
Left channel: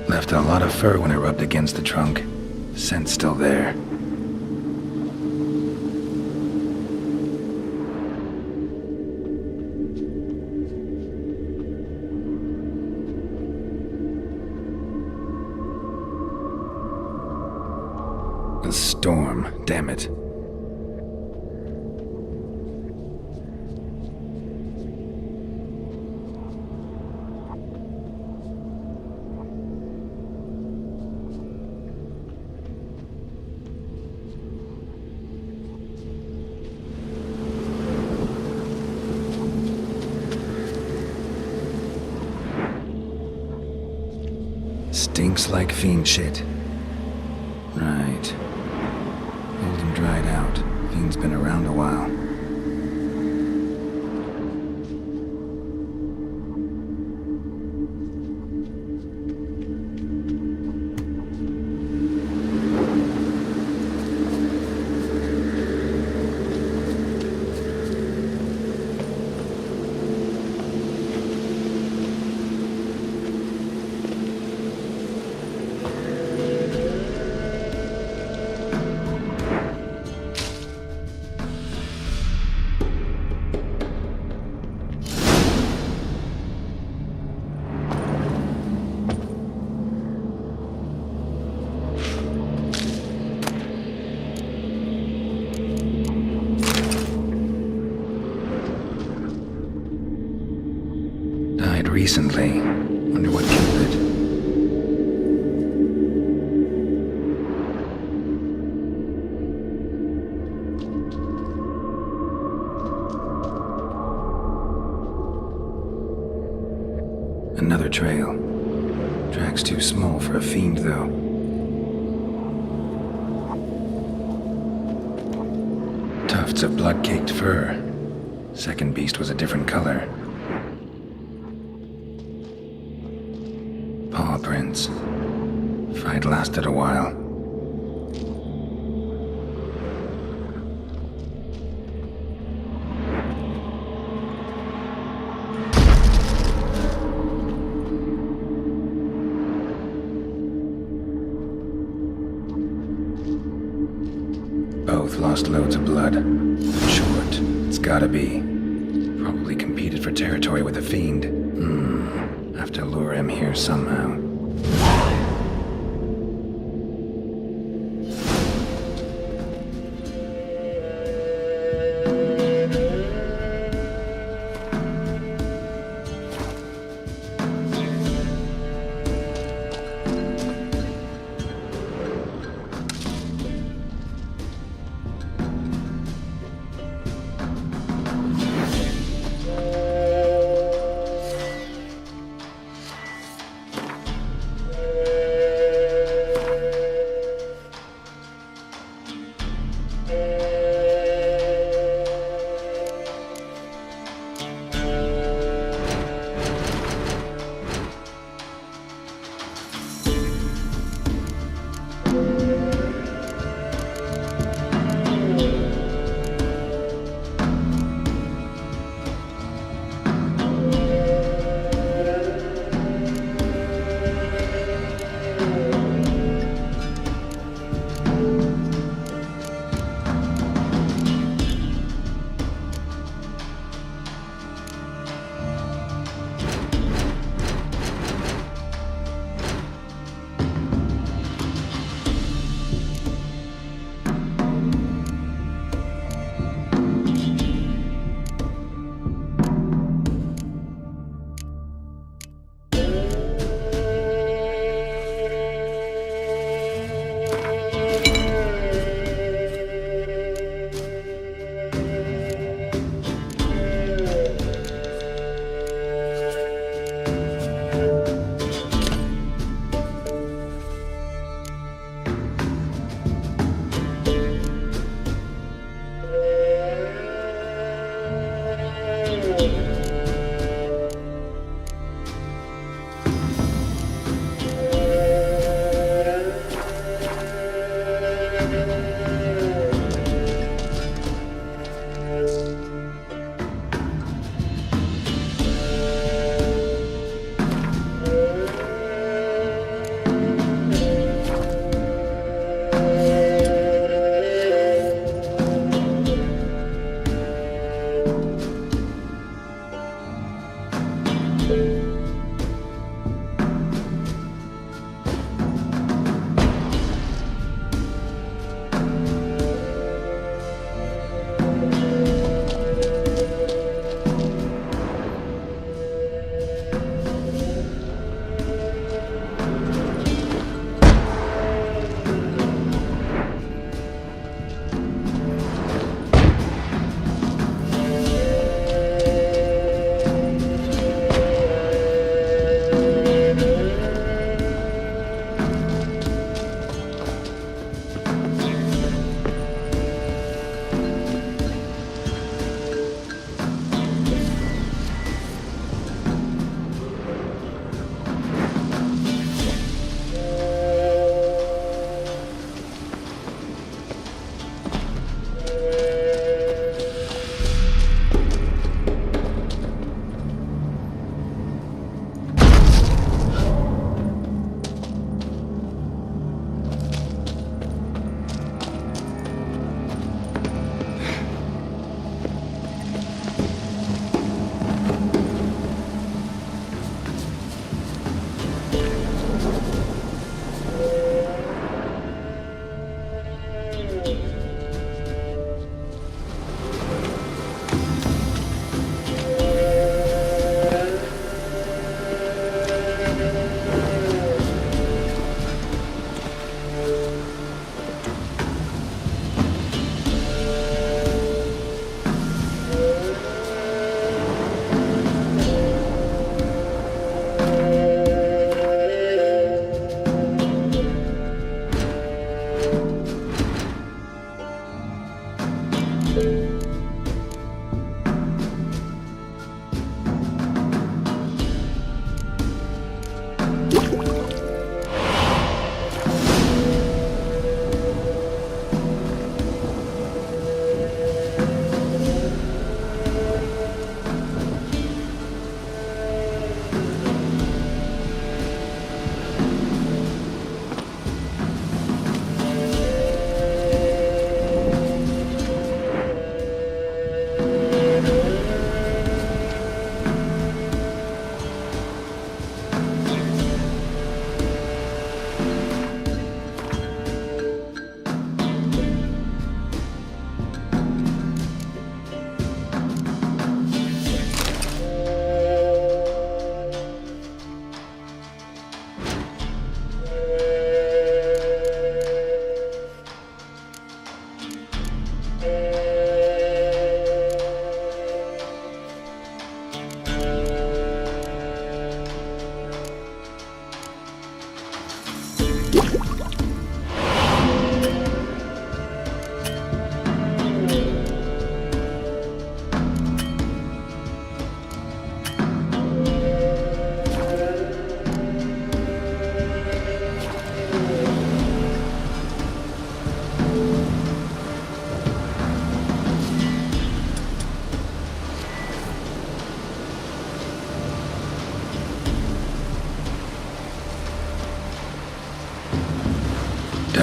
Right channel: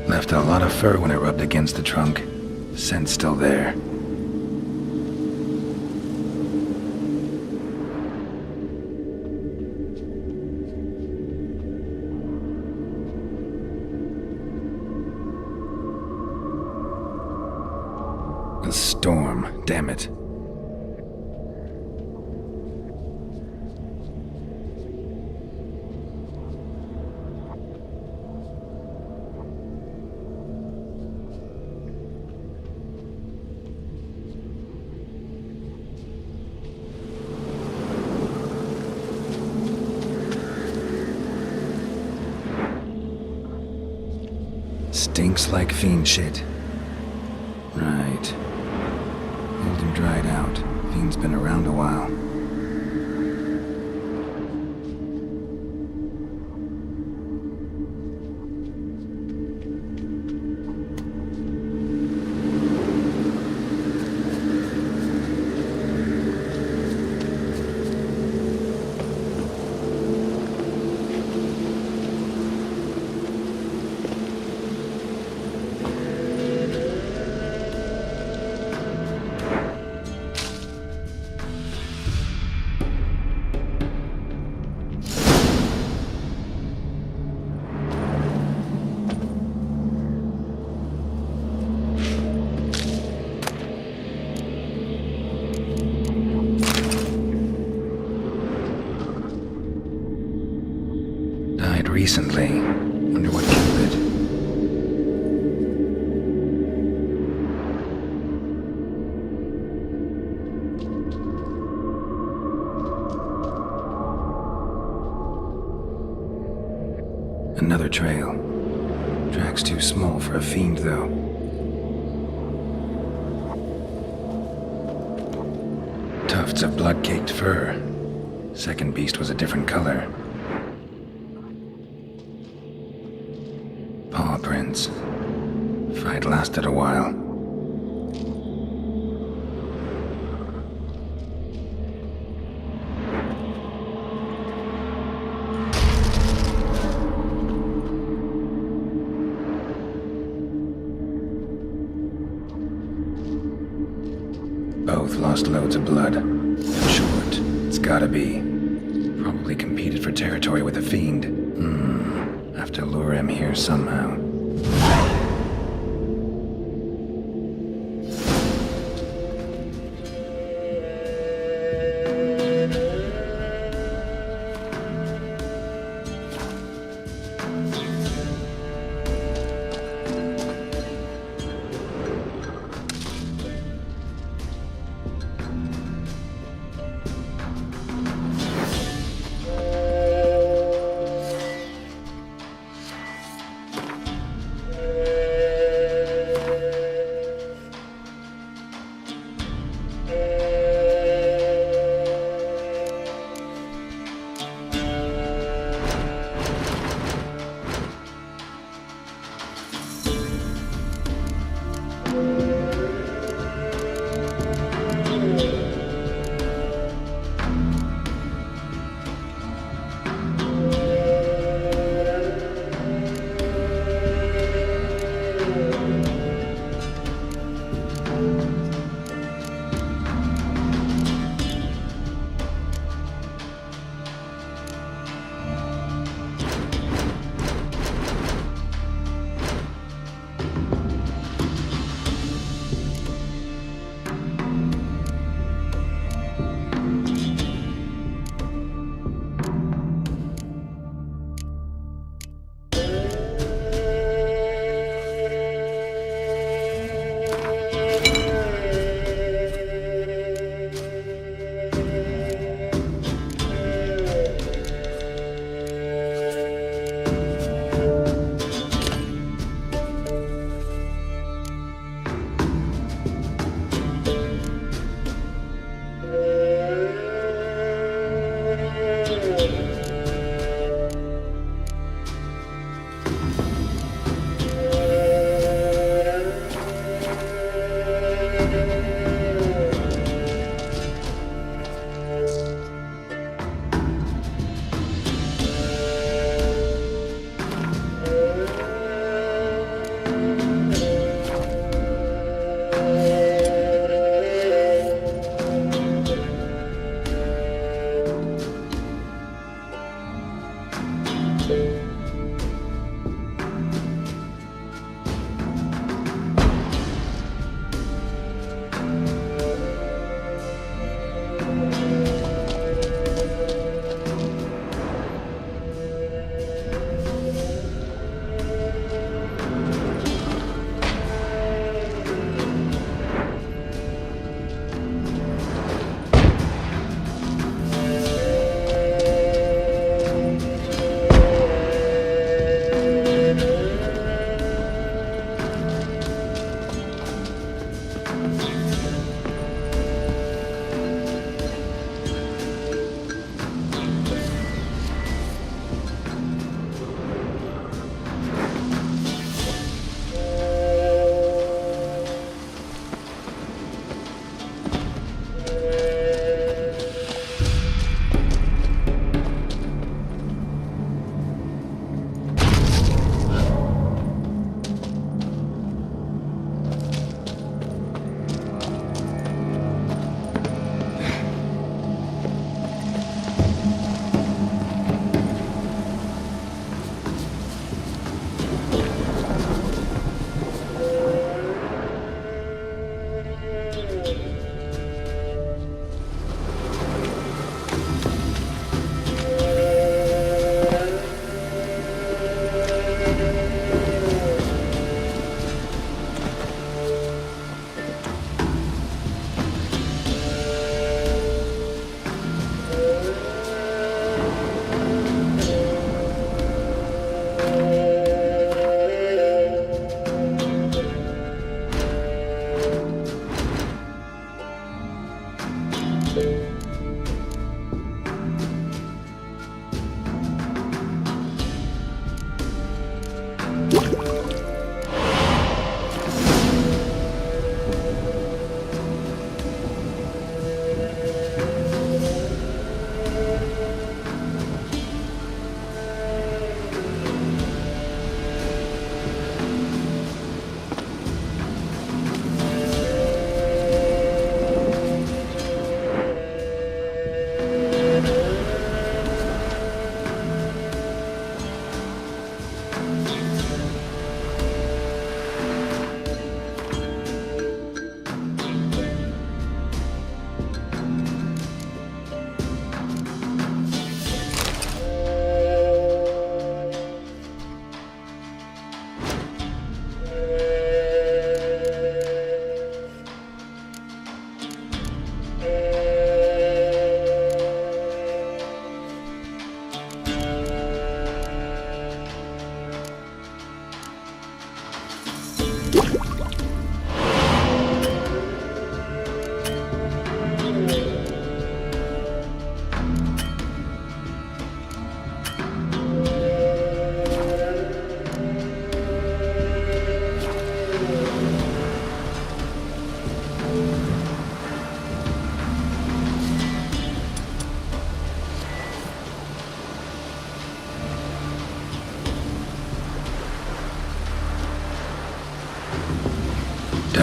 Left a lot of fur when it rubbed against the trunk. Scent's still there. A storm, damn it. Stinks like fiend shit. Right. Old and dried out. Fiend's been around a while. Died recently. Wonder what killed it. Another trail. Track's too small for a fiend, though. Tufts of blood-caked fur. Second beast was a different color. Paw prints. Fight lasted a while. Both lost loads of blood. That's short. It's gotta be. Probably competed for territory with a fiend. Have to lure him here somehow.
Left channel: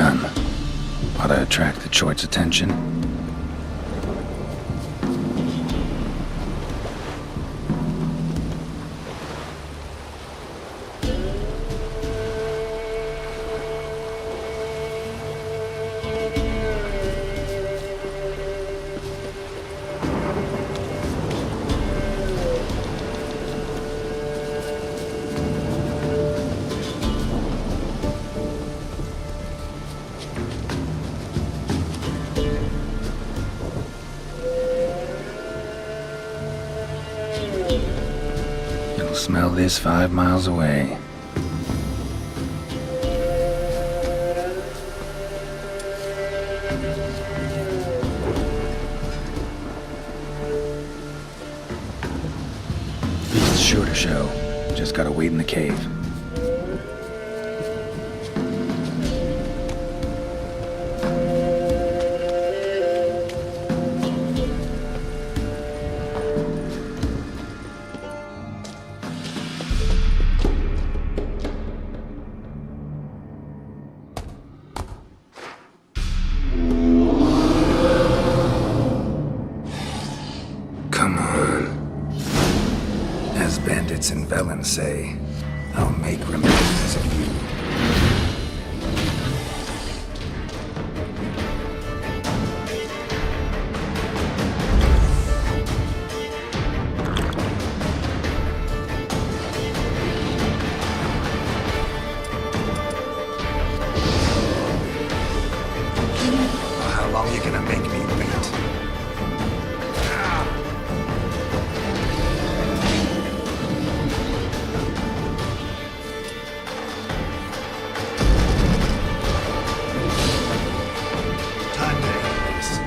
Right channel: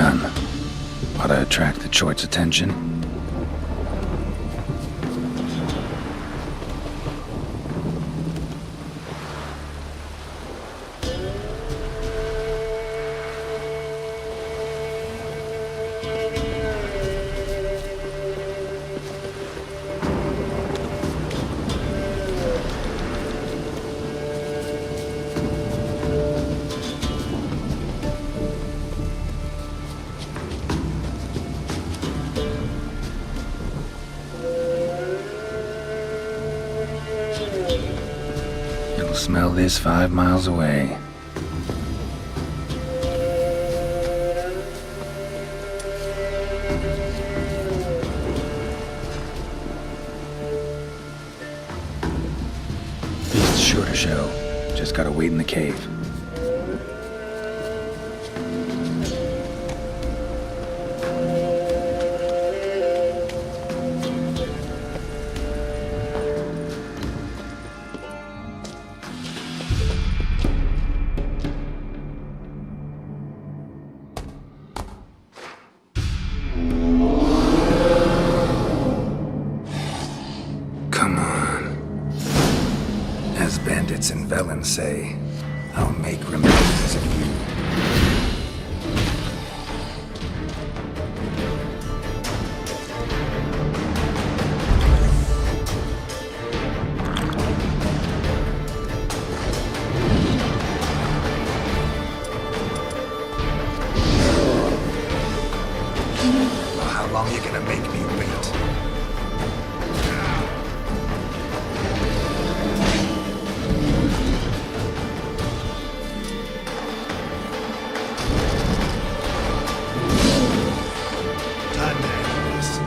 gun. Ought to attract the Choit's attention. Smell this 5 miles away. Beast's sure to show. Just gotta wait in the cave. As bandits and Velen say, I'll make remembrance of you. Well, how long you gonna make me wait? Time to end this.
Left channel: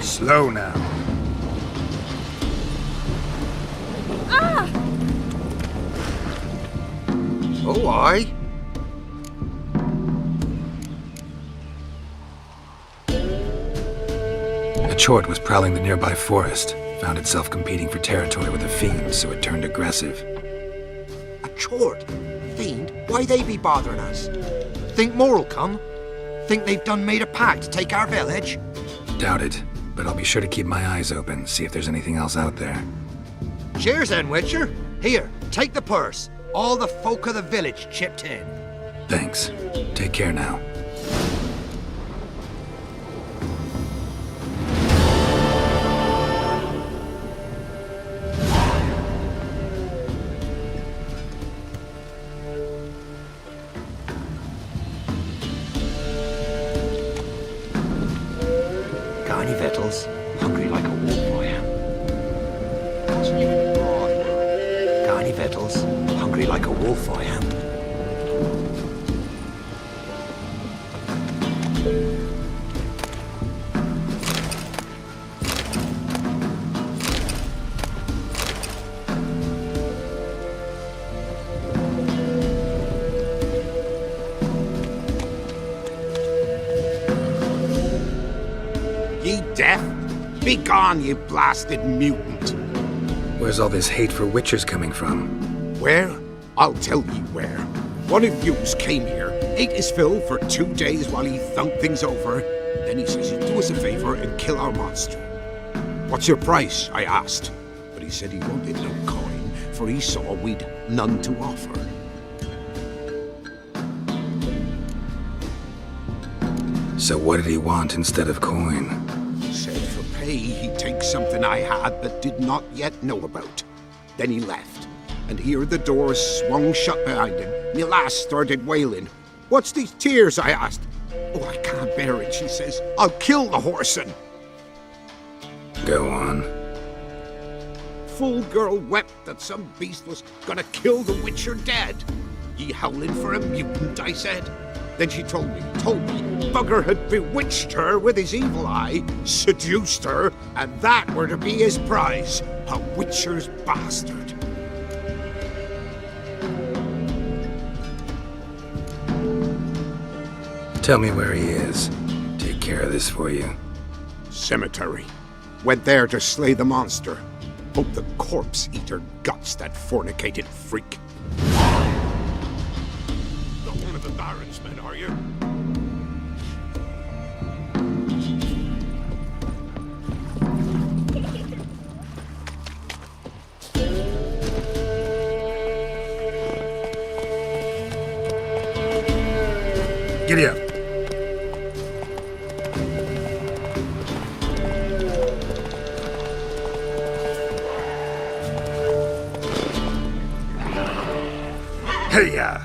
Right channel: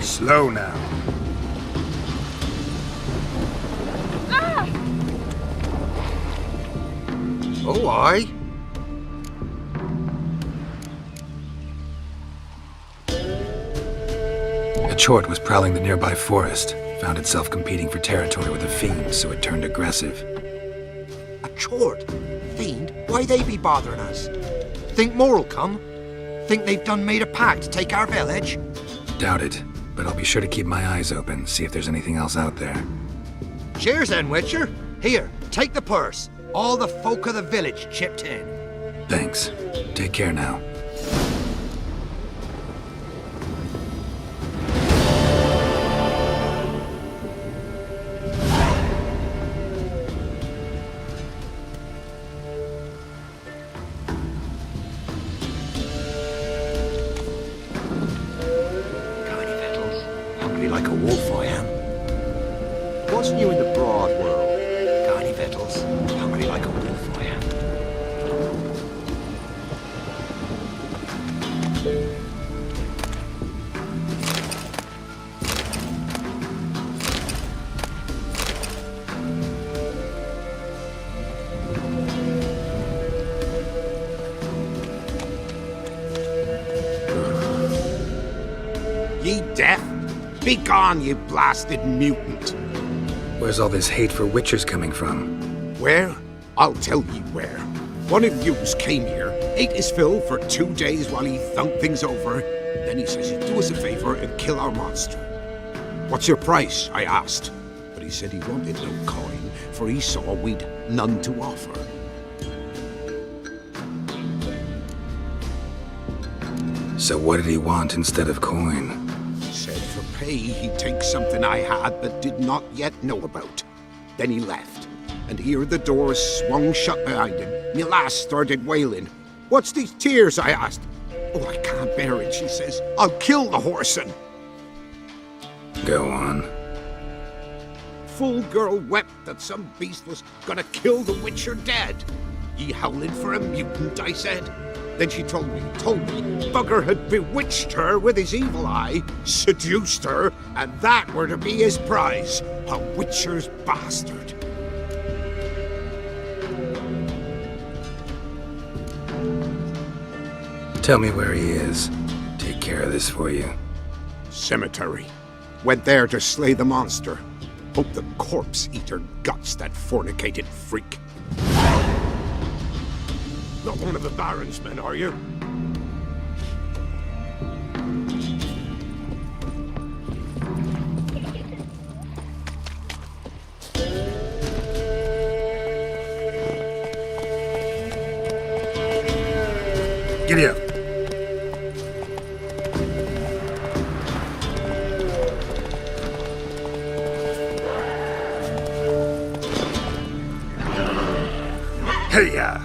Slow now. Oh, aye. A Chort was prowling the nearby forest, found itself competing for territory with a fiend, so it turned aggressive. A chort? Fiend? Why they be bothering us? Think more'll come? Think they've done made a pact to take our village? Doubt it, but I'll be sure to keep my eyes open, see if there's anything else out there. Cheers then, Witcher. Here, take the purse. All the folk of the village chipped in. Thanks. Take care now. Got any victuals? Hungry like a wolf I am. What's new in the broad world? Got any victuals? Hungry like a wolf I am. Ye deaf? Begone, ye blasted mutant! Where's all this hate for Witchers coming from? Where? I'll tell ye where. One of yous came here, ate his fill for 2 days while he thunked things over. Then he says he'd do us a favor and kill our monster. What's your price? I asked. But he said he wanted no coin, for he saw we'd none to offer. So what did he want instead of coin? Said for pay he'd take something I had but did not yet know about. Then he left, and here the door swung shut behind him. Me lass started wailing. What's these tears? I asked. Oh, I can't bear it, she says. I'll kill the whoreson. Go on. Fool girl wept that some beast was gonna kill the Witcher dead. Ye howling for a mutant, I said. Then she told me, Bugger had bewitched her with his evil eye, seduced her, and that were to be his prize, a Witcher's bastard. Tell me where he is. Take care of this for you. Cemetery. Went there to slay the monster. Hope the corpse eater guts that fornicated freak. Not one of the Baron's men, are you? Giddy up. Hey-ya!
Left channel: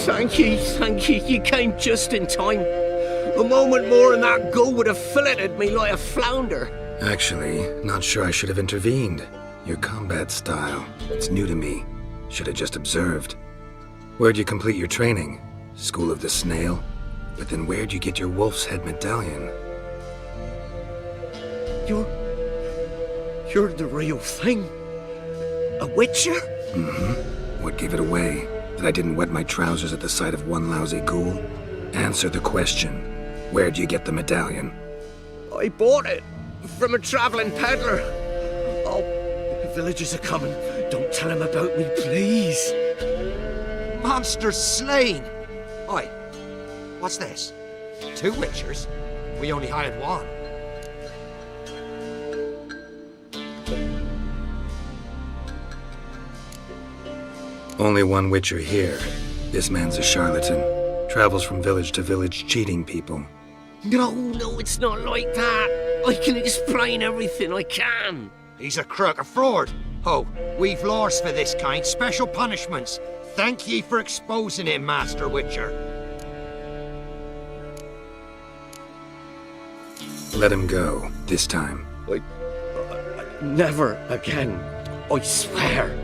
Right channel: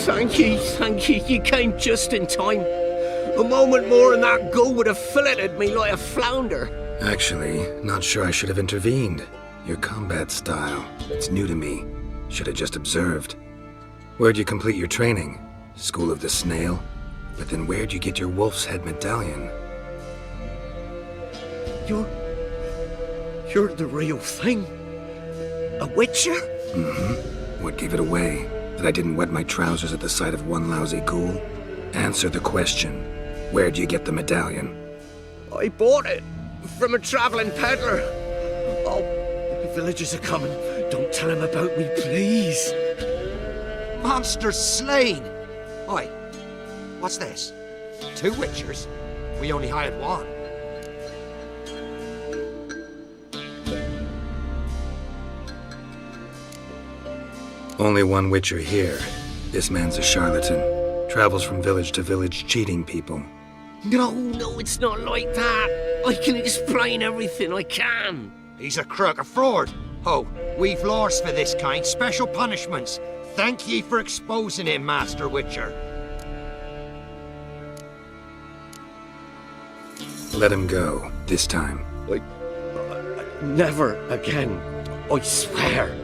Thank you, you came just in time. A moment more and that gull would have filleted me like a flounder. Actually, not sure I should have intervened. Your combat style, it's new to me. Should have just observed. Where'd you complete your training? School of the Snail? But then where'd you get your wolf's head medallion? You're the real thing? A Witcher? Mm-hmm. What gave it away? That I didn't wet my trousers at the sight of one lousy ghoul? Answer the question. Where'd you get the medallion? I bought it from a traveling peddler. I'll The villagers are coming. Don't tell them about me, please. Monster slain! Oi, what's this? 2 Witchers? We only hired 1. Only 1 Witcher here. This man's a charlatan. Travels from village to village cheating people. No, it's not like that. I can explain everything I can. He's a crook, a fraud. Ho, we've laws for this kind, special punishments. Thank ye for exposing him, Master Witcher. Let him go, this time. Never again. I swear.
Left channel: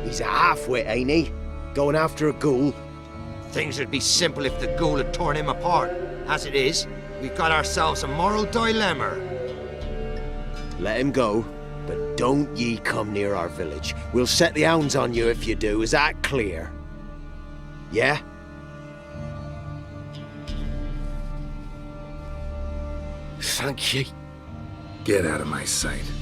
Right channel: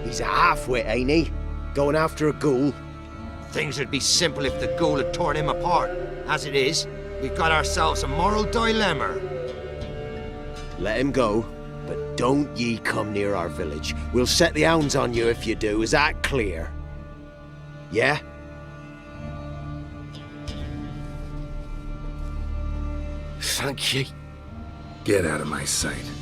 He's a half-wit, ain't he? Going after a ghoul. Things would be simple if the ghoul had torn him apart. As it is, we've got ourselves a moral dilemma. Let him go, but don't ye come near our village. We'll set the hounds on you if you do. Is that clear? Yeah? Thank ye. Get out of my sight.